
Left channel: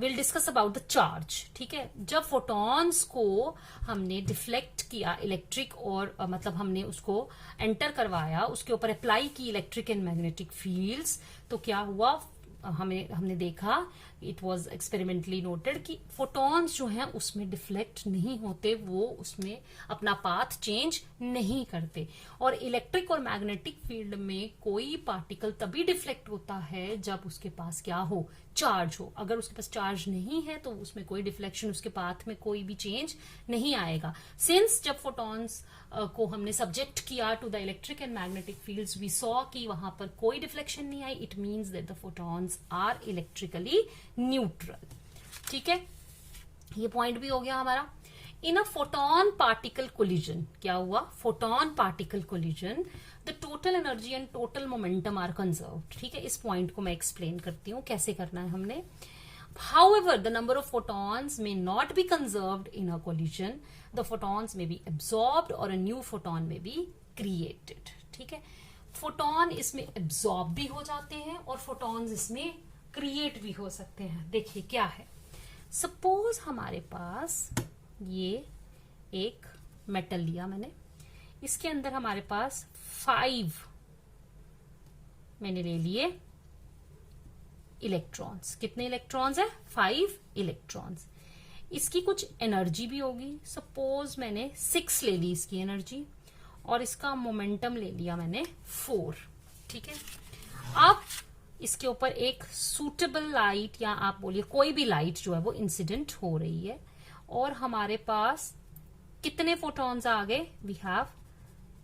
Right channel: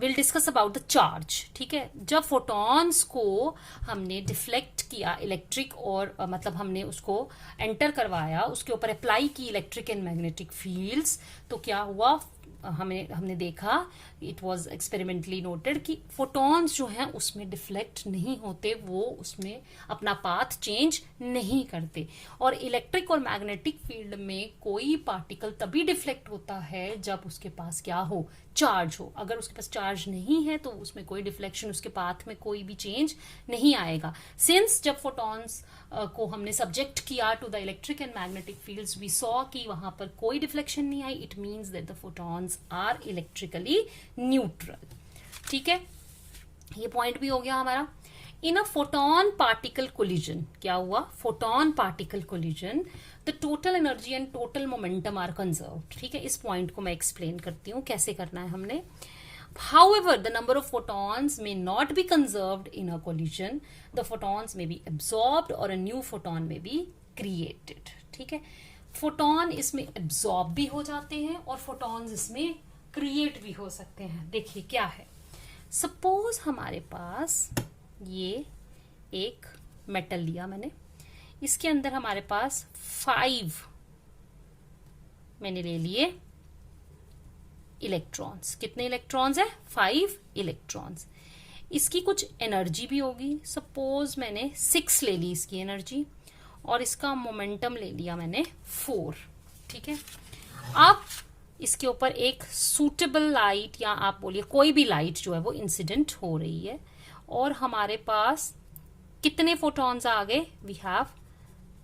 will discuss about the charge. ठीक है, जब फोटॉन्स को हमने डिफ्लेक्ट किया इलेक्ट्रिक और मतलब हमने उसको एंटर करवाया, उसके ऊपर अप्लाई की इलेक्ट्रिक एंड मैग्नेटिक फील्ड्स, तो क्या हुआ, हमने देखा, इट वॉज एक्सपेरिमेंटली नोटेड कि फोटॉन्स जो हैं उसमें डिफ्लेक्ट नहीं होते, वो उसमें अपना पाथ चेंज नहीं करते। और इलेक्ट्रिक और मैग्नेटिक फील्ड में कोई पार्टिकल तभी डिफ्लेक्ट होता है जब उसके पास क्या हो, चार्ज हो। अगर उसके पास चार्ज नहीं है तो उसमें कोई डिफ्लेक्शन, उसके पाथ में कोई भी चेंज नहीं आएगा। सिंस जब फोटॉन्स को हमने सब्जेक्ट किया to the electric and magnetic fields, we saw कि वहां पर कोई डिफ्लेक्शन नहीं आई। It means that the photons are electrically neutral. ठीक है, ये पॉइंट भी हो गया हमारा। In a photon particle collision, क्या हुआ, photon particle collision, the total energy and total momentum are conserved. ठीक है, इस पॉइंट को मैं एक्सप्लेन करती हूँ कैसे करना है हमने। However, the number of photons may not be conserved in a collision. The photons may be absorbed or a new photon may be created. ठीक है, फोटोन इसमें एब्जॉर्ब भी हो जाते हैं और फोटॉन्स इसमें क्रिएट भी हो सकते हैं। देखिए क्या है, सपोज हमारे पास ये एक मेटल लिया मैंने, इसके अंदर हमारे पास 5 मैंने ले लिए इलेक्ट्रॉन्स। कितने इलेक्ट्रॉन्स है? 5 इलेक्ट्रॉन्स। इसकी कुछ एनर्जी भी होगी, सपोज मैंने 6 ले ली इसकी एनर्जी, और इसका मोमेंटम ले लिया मैंने 4। ठीक है, अब इसके ऊपर एक सूटेबल लाइट या आप बोलिए कोई भी लाइट जो है वो इंसिडेंट हो रही है, और हमारे पास कितने फोटॉन्स आ गए? We have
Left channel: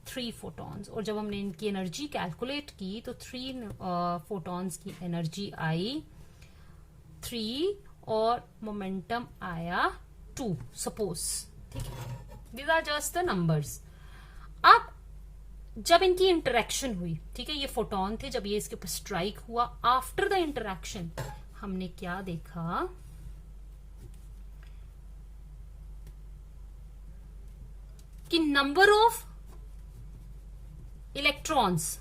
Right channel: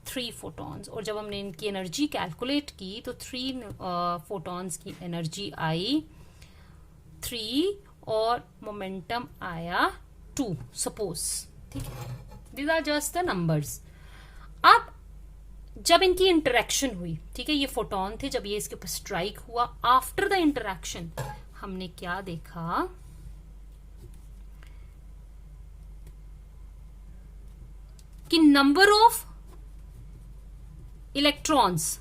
3 photons. और जब हमने इनकी एनर्जी कैलकुलेट की तो 3 फोटॉन्स की एनर्जी आई 3 और मोमेंटम आया 2 सपोज। ठीक है, these are just the numbers. अब जब इनकी इंटरेक्शन हुई, ठीक है, ये फोटोन थे, जब ये इसके ऊपर स्ट्राइक हुआ, आफ्टर द इंटरेक्शन हमने क्या देखा कि number of electrons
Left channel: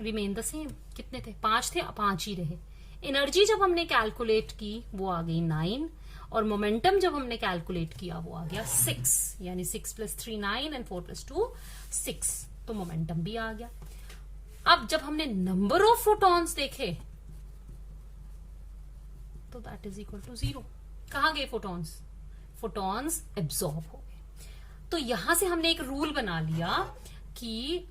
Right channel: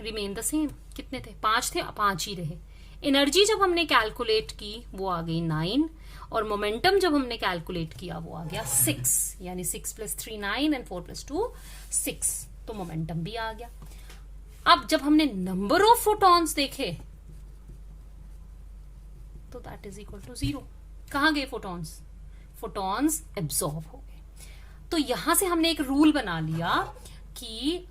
remain the same. कितने थे? 5 थे, 5 ही रहे। एनर्जी जब हमने कैलकुलेट की वो आ गई 9, और मोमेंटम जब हमने कैलकुलेट किया वो आ गया 6, यानी 6 + 3 9 एंड 4 + 2 6, तो मोमेंटम भी आ गया। अब जब हमने नंबर ऑफ फोटॉन्स देखे तो दैट इज इक्वल टू 0। कहां गए फोटॉन्स? फोटॉन्स एब्जॉर्ब हो गए। तो यहां से हमने एक रूल बना लिया कि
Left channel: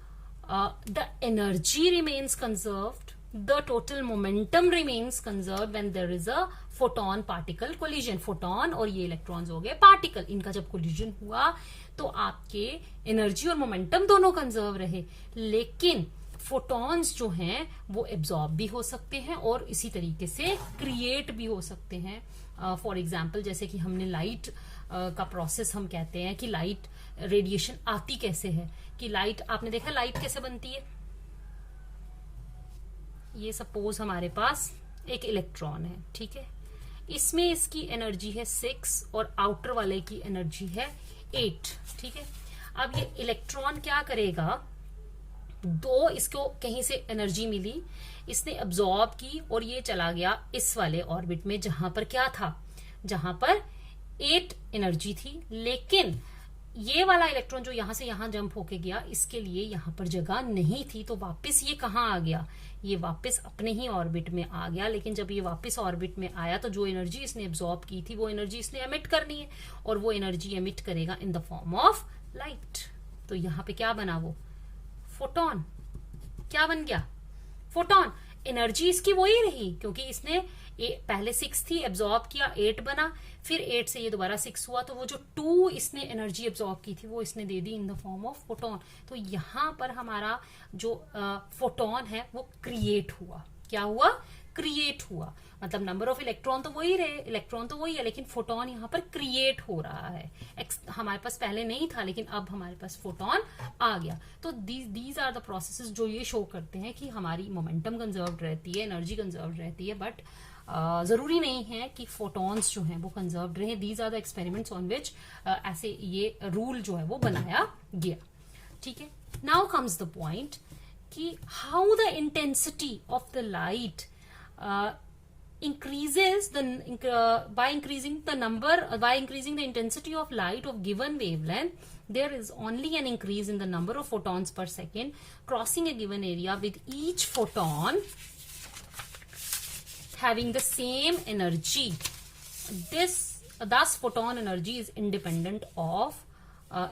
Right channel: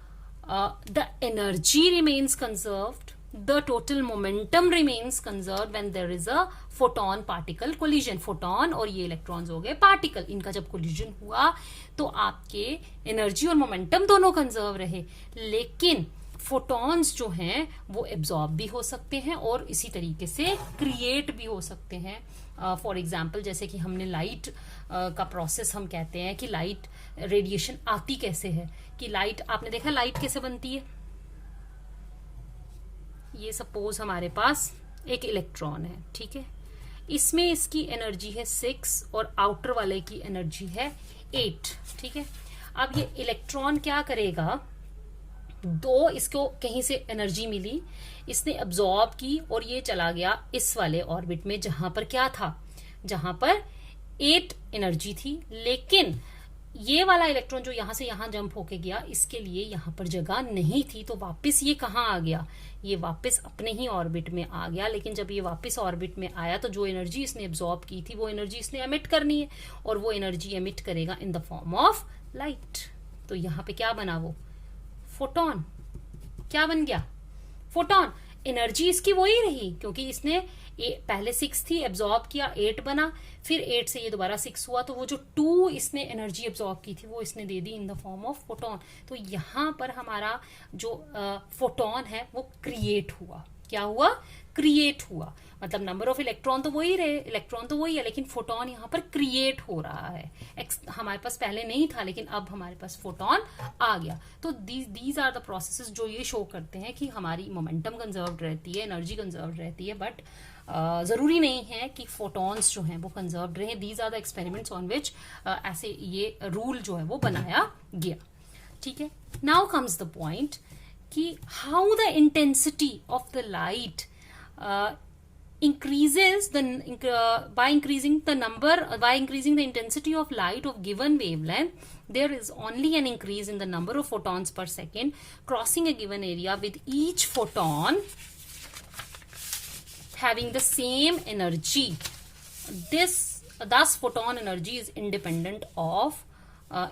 the energy remains conserved, the total momentum remains conserved when there is a photon particle collision। Photon और ये इलेक्ट्रॉन्स हो गए पार्टिकल, इनका जब कोलिजन हुआ तो आपके एनर्जी और मोमेंटम दोनों कंजर्व रहे, लेकिन फोटॉन्स जो हैं वो एब्जॉर्ब भी हो सकते हैं और इसी तरीके से क्रिएट भी हो सकते हैं। फॉर एग्जाम्पल जैसे कि हमने लाइट का प्रोसेस हम कहते हैं कि लाइट रेडिएशन आती कैसे है, कि लाइट, आपने देखा लाइट कैसे बनती है? ये सपोज हमारे पास एक इलेक्ट्रॉन है, ठीक है, इसमें इसकी एनर्जी है 6 और आउटर वाले की एनर्जी है 8। ठीक है, अब ये इलेक्ट्रॉन क्या करेगा? इसको कहीं से एनर्जी मिली, इसने अब्सॉर्ब की और ये चला गया इस वाले ऑर्बिट में जहां पर क्या था? जहां पर 8 एनर्जी थी, लेकिन ये वाला इलेक्ट्रॉन जो यहां से यहां जंप होके गया, इसके लिए यहां पर जगह नहीं थी, तो वापस ये कहां आ गया? ये वापस अपने ही ऑर्बिट में आ गया। लेकिन जब ये वापस ऑर्बिट में आया तो जो एनर्जी इसने एब्जॉर्ब की थी वो एनर्जी इसने एमिट करनी है, और वो एनर्जी एमिट करेगा इन द फॉर्म ऑफ लाइट। तो यहां पे क्या बना? वो फोटोन। क्या बन गया? फोटोन। एनर्जी इसकी वही रही, क्योंकि इसने पहले 6 थी, एब्जॉर्ब किया, 8 बना, फिर 8 से ये दोबारा 6 हुआ, तो वो जो 2 इसने एनर्जी एब्जॉर्ब की थी वो इसने दे दी in the form of photon. तो यहां पर हमारा जो फोटोन है वो क्रिएट हुआ। क्या हुआ? क्रिएट हुआ। मतलब नंबर ऑफ इलेक्ट्रॉन तो वही रहे, इलेक्ट्रॉन तो वही है, लेकिन फोटोन यहाँ पर क्रिएट हो रहा है। हमारे पास पहले नहीं था, लेकिन अब हमारे पास फोटोन आ गया। तो दीज आर द प्रोसेसेस जो ये शो करते हैं कि हमारी मोमेंटम कंजर्व रहती है, एनर्जी कंजर्व रहती है, बट जरूरी नहीं है कि फोटॉन्स जो हैं वो कंजर्व्ड रहे। These are the experiments on which ऐसे ये रूल जो है वो बनाया गया। ठीक है, नाउ कम्स द पॉइंट कि how the intensity of the light increases by increasing the intensity of light of given wavelength, there is only an increase in the number of photons per second crossing a given area, with each photon having the same energy. Thus photon energy is independent of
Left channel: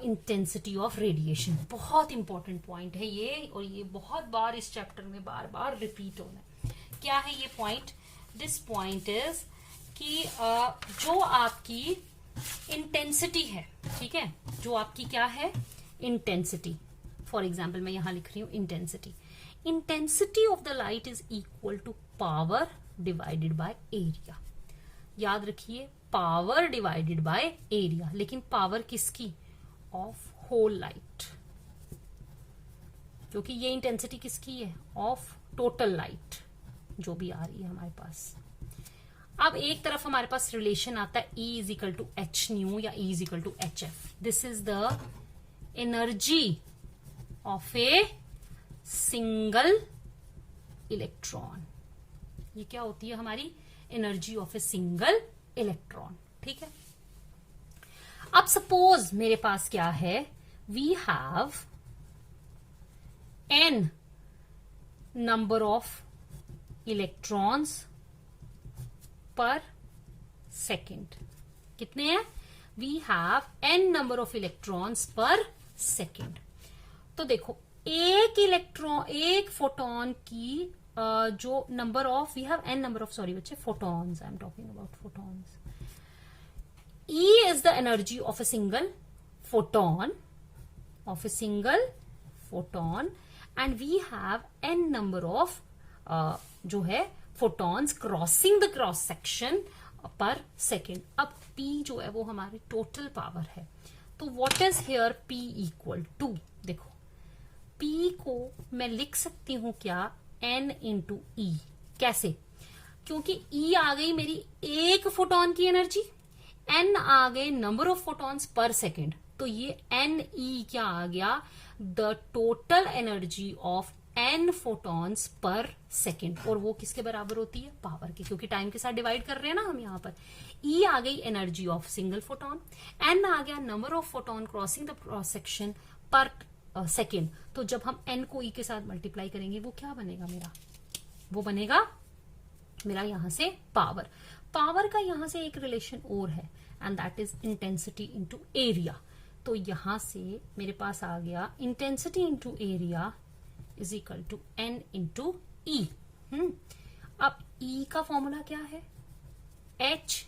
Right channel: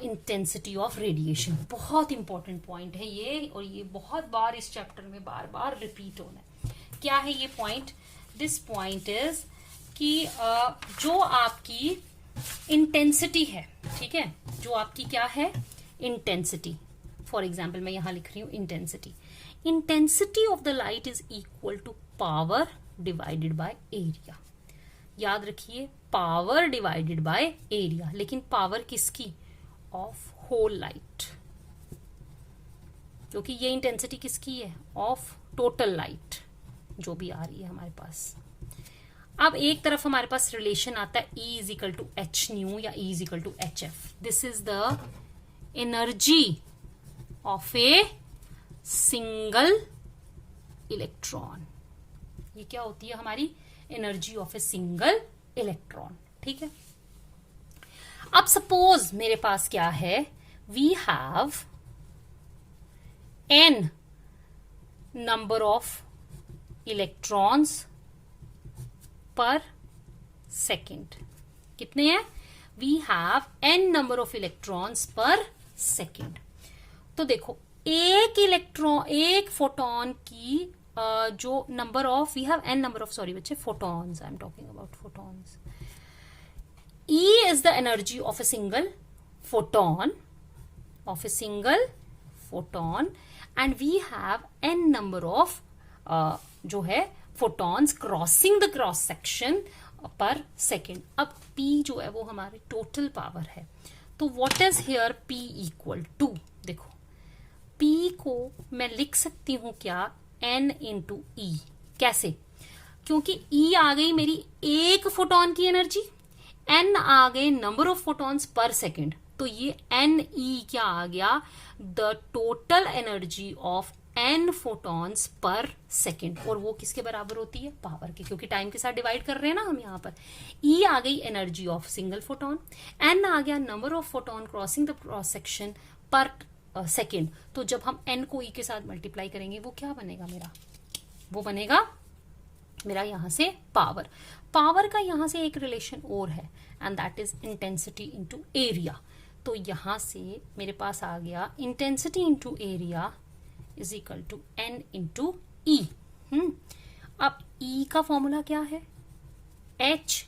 intensity of radiation। बहुत important point है ये, और ये बहुत बार इस chapter में बार बार repeat होना है। क्या है ये पॉइंट? दिस पॉइंट इज कि जो आपकी इंटेंसिटी है, ठीक है, जो आपकी क्या है? इंटेंसिटी। फॉर एग्जाम्पल मैं यहां लिख रही हूं intensity of the light is equal to power divided by area. याद रखिए, पावर डिवाइडेड बाय एरिया। लेकिन पावर किसकी? ऑफ होल लाइट, क्योंकि ये इंटेंसिटी किसकी है? ऑफ टोटल लाइट जो भी आ रही है हमारे पास। अब एक तरफ हमारे पास रिलेशन आता है E is equal to H nu या E is equal to H F. This is the energy of a single electron. ये क्या होती है हमारी energy of a single electron. ठीक है, अब सपोज मेरे पास क्या है, we have n number of electrons per second. कितने हैं? We have n number of electrons per second. तो देखो एक इलेक्ट्रॉन, एक फोटोन की जो number of, we have n number of, sorry बच्चे, photons, I am talking about photons. E is the energy of a single photon, and we have n number of जो है photons crossing the cross section per second। अब P जो है वो हमारी total power है। तो what is here P equal to? देखो P को मैं लिख सकती हूं क्या, n into E। कैसे? क्योंकि E आ गई मेरी एक फोटोन की एनर्जी, n आ गए number of photons per second, तो ये Ne क्या आ गया, the total energy of n photons per second. और वो किसके बराबर होती है, पावर के, क्योंकि टाइम के साथ डिवाइड कर रहे हैं ना हम यहाँ पर। E आ गई energy of single photon, n आ गया number of photon crossing the cross section पर सेकेंड। तो जब हम n को E के साथ मल्टीप्लाई करेंगे वो क्या बनेगा मेरा, वो बनेगा मेरा यहां से पावर। पावर का यहां से एक रिलेशन और है, and that is intensity into area. तो यहां से मेरे पास आ गया intensity into area is equal to n into E. अब E का फॉर्मूला क्या है, H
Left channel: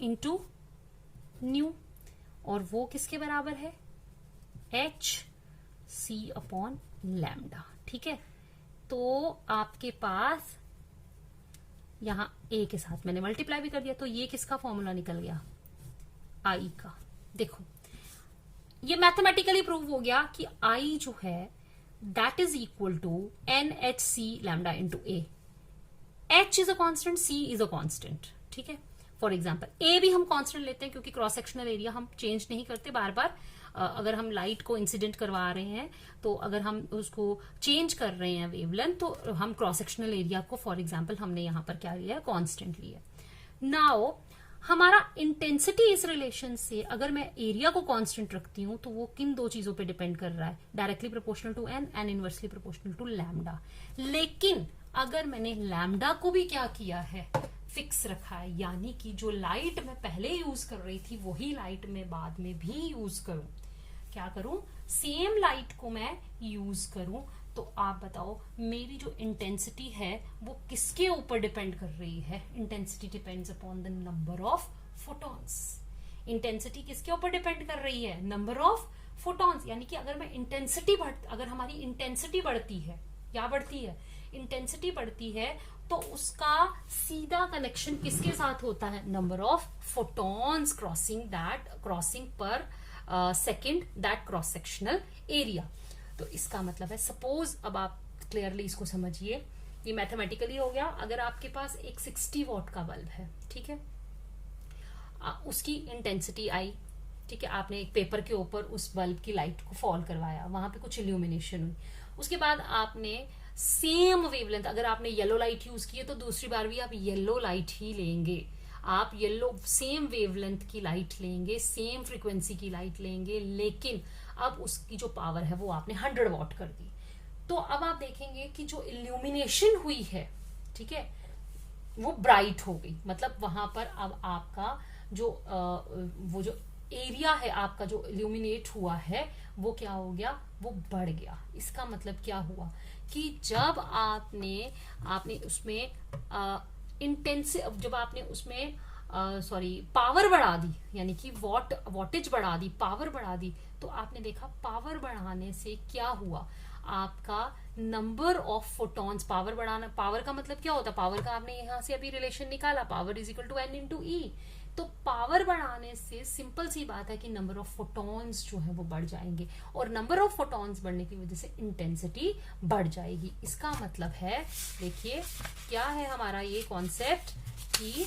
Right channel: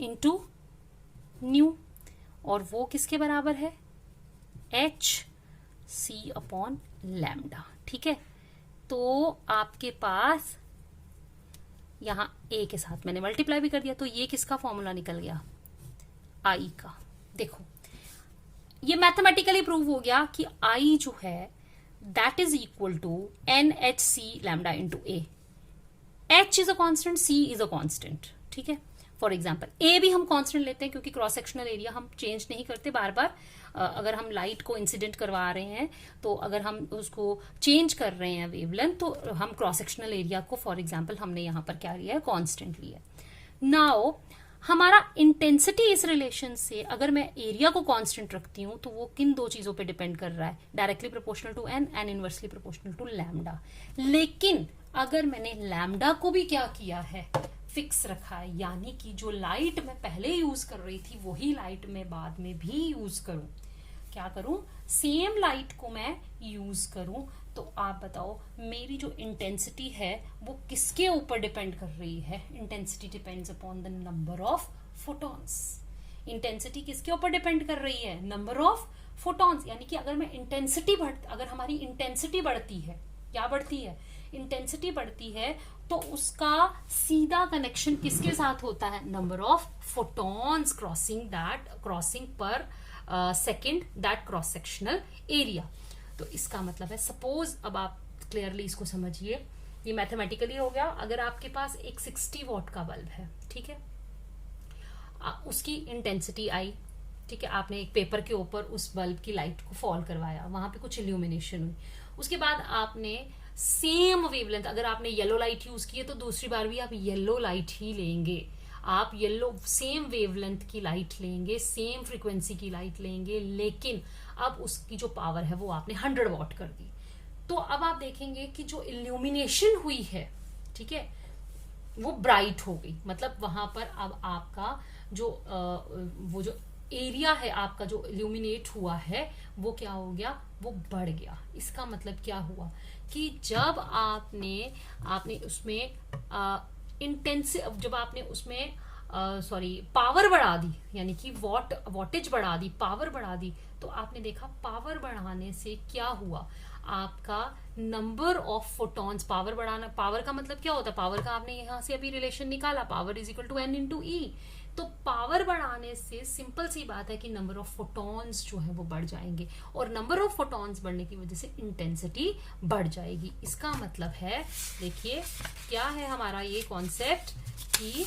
इंटू न्यू, और वो किसके बराबर है, H C अपॉन लैम्डा। ठीक है, तो आपके पास यहां A के साथ मैंने मल्टीप्लाई भी कर दिया, तो ये किसका फॉर्मूला निकल गया, I का। देखो ये मैथमेटिकली प्रूव हो गया कि I जो है that is equal to NHC lambda into A। H is a constant, C is a constant. ठीक है, फॉर एग्जाम्पल A भी हम कांस्टेंट लेते हैं क्योंकि क्रॉस सेक्शनल एरिया हम चेंज नहीं करते बार बार। अगर हम लाइट को इंसिडेंट करवा रहे हैं, तो अगर हम उसको चेंज कर रहे हैं वेवलेंथ, तो हम क्रॉस सेक्शनल एरिया को फॉर एग्जांपल हमने यहाँ पर क्या लिया है, कांस्टेंट लिया। नाउ हमारा इंटेंसिटी इस रिलेशन से, अगर मैं एरिया को कांस्टेंट रखती हूँ तो वो किन दो चीजों पे डिपेंड कर रहा है, directly proportional to n and inversely proportional to lambda. लेकिन अगर मैंने लैम्डा को भी क्या किया है, फिक्स रखा है, यानी कि जो लाइट मैं पहले यूज कर रही थी वही लाइट मैं बाद में भी यूज करूं। क्या करूं, सेम लाइट को मैं यूज करूं। तो आप बताओ मेरी जो इंटेंसिटी है वो किसके ऊपर डिपेंड कर रही है, intensity depends upon the number of photons. Intensity किसके ऊपर डिपेंड कर रही है, नंबर ऑफ फोटॉन्स। यानी कि अगर मैं अगर हमारी इंटेंसिटी बढ़ती है, क्या बढ़ती है, इंटेंसिटी बढ़ती है, तो उसका सीधा कनेक्शन किसके साथ होता है, नंबर ऑफ फोटॉन्स क्रॉसिंग पर second that cross sectional area. तो इसका मतलब है, सपोज अब आप क्लियरली इसको समझिए, ये मैथमेटिकली हो गया। अगर आपके पास एक 60 वॉट का बल्ब है, ठीक है, उसकी इंटेंसिटी आई, ठीक है, आपने एक पेपर के ऊपर उस बल्ब की लाइट को फॉल करवाया, वहां पे कुछ इल्यूमिनेशन हुई, उसके बाद आपने सेम वेवलेंथ, अगर आपने येलो लाइट यूज की है तो दूसरी बार भी आप येलो लाइट ही लेंगे, आप येलो सेम वेवलेंथ की लाइट लेंगे, सेम फ्रीक्वेंसी की लाइट लेंगे, लेकिन अब उसकी जो पावर है वो आपने 100 वॉट कर दी। तो अब आप देखेंगे कि जो इल्यूमिनेशन हुई है, ठीक है, वो ब्राइट हो गई। मतलब वहां पर अब आपका जो वो जो एरिया है आपका जो इल्यूमिनेट हुआ है वो क्या हो गया, वो बढ़ गया। इसका मतलब क्या हुआ कि जब आपने उसमें इंटेंसिव, जब आपने उसमें पावर बढ़ा दी, यानी कि वॉटेज बढ़ा दी, पावर बढ़ा दी, तो आपने देखा पावर बढ़ाने से क्या हुआ, आपका नंबर ऑफ फोटॉन्स, पावर बढ़ाना, पावर का मतलब क्या होता है, पावर का आपने यहां से अभी रिलेशन निकाला, power is equal to n into E. तो पावर बढ़ाने से सिंपल सी बात है कि नंबर ऑफ फोटॉन्स जो है वो बढ़ जाएंगे, और नंबर ऑफ फोटॉन्स बढ़ने की वजह से इंटेंसिटी बढ़ जाएगी। इसका मतलब है, देखिए क्या है हमारा ये कॉन्सेप्ट कि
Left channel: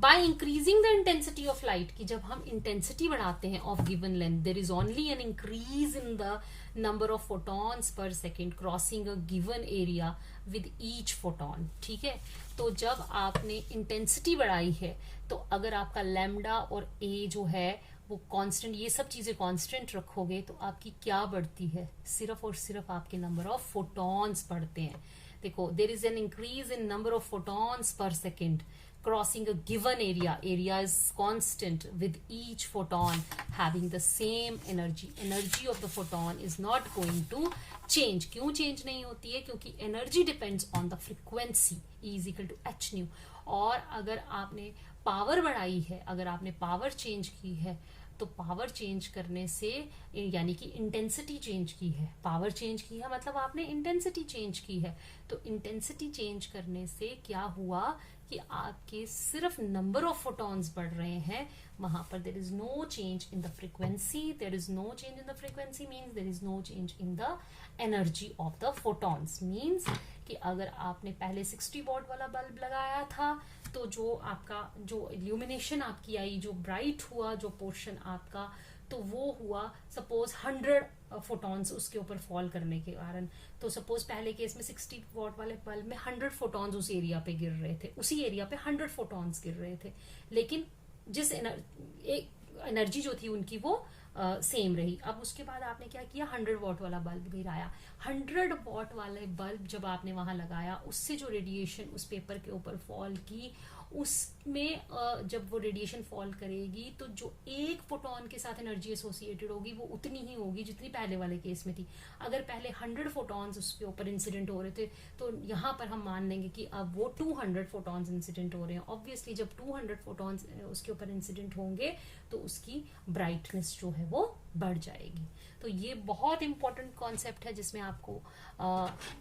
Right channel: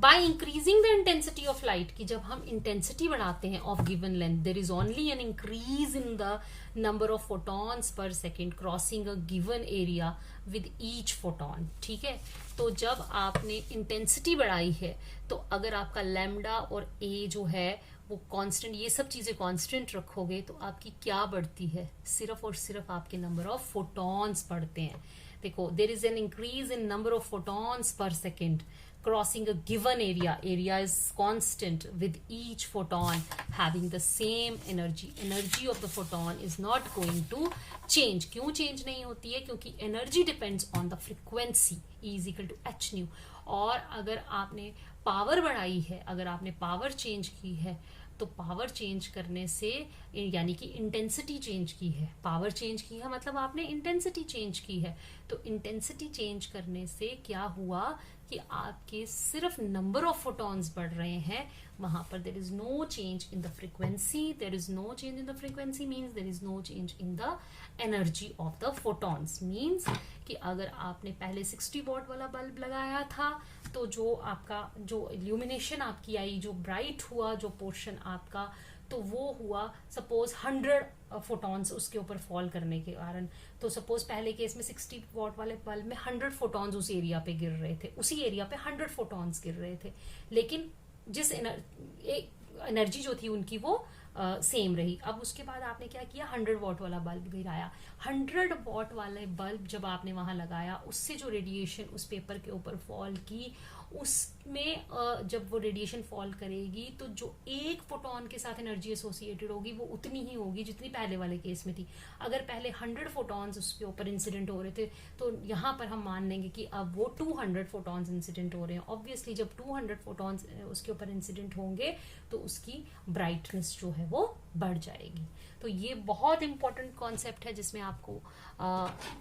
by increasing the intensity of light, कि जब हम इंटेंसिटी बढ़ाते हैं of given length, there is only an increase in the number of photons per second crossing a given area with each photon. ठीक है, तो जब आपने इंटेंसिटी बढ़ाई है तो अगर आपका लैम्डा और ए जो है वो कांस्टेंट, ये सब चीजें कांस्टेंट रखोगे तो आपकी क्या बढ़ती है, सिर्फ और सिर्फ आपके नंबर ऑफ फोटॉन्स बढ़ते हैं। देखो, there is an increase in number of photons per second crossing a given area is constant with each photon having the same energy of the photon is not going to change। क्यों change नहीं होती है, क्योंकि energy depends on the frequency E is equal to h nu। और अगर आपने power बढ़ाई है, अगर आपने पावर चेंज की है, तो पावर चेंज करने से, यानी कि इंटेंसिटी चेंज की है, पावर चेंज की है मतलब आपने इंटेंसिटी चेंज की है, तो इंटेंसिटी चेंज करने से क्या हुआ कि आपके सिर्फ नंबर ऑफ फोटॉन्स बढ़ रहे हैं, वहां पर there is no change in the frequency. There is no change in the frequency means there is no change in the energy of the photons. Means कि अगर आपने पहले 60 वॉट वाला बल्ब लगाया था तो जो आपका जो इल्यूमिनेशन आपकी आई, जो ब्राइट हुआ जो पोर्शन आपका, तो वो हुआ सपोज 100 फोटॉन्स उसके ऊपर फॉल करने के कारण। तो सपोज पहले केस में 60 वॉट वाले बल्ब में 100 फोटॉन्स उस एरिया पे गिर रहे थे, उसी एरिया पे 100 फोटॉन्स गिर रहे थे, लेकिन जिस एनर्जी जो थी उनकी वो सेम रही। अब उसके बाद आपने क्या किया, 100 वॉट वाला बल्ब गिराया। 100 वॉट वाले बल्ब जब आपने वहां लगाया, उससे जो रेडिएशन उस पेपर के ऊपर फॉल की, उसमें जब वो रेडिएशन फॉल करेगी तो जो एक फोटॉन के साथ एनर्जी एसोसिएटेड होगी वो उतनी ही होगी जितनी पहले वाले केस में थी। अगर पहले 100 फोटॉन्स उसके ऊपर इंसिडेंट हो रहे थे तो यहाँ पर हम मान लेंगे कि अब वो 200 फोटॉन्स इंसिडेंट हो रहे हैं। ऑब्वियसली जब 200 फोटॉन्स उसके ऊपर इंसिडेंट होंगे तो उसकी ब्राइटनेस जो है वो बढ़ जाएगी। तो ये बहुत इंपॉर्टेंट कॉन्सेप्ट है जिसमें आपको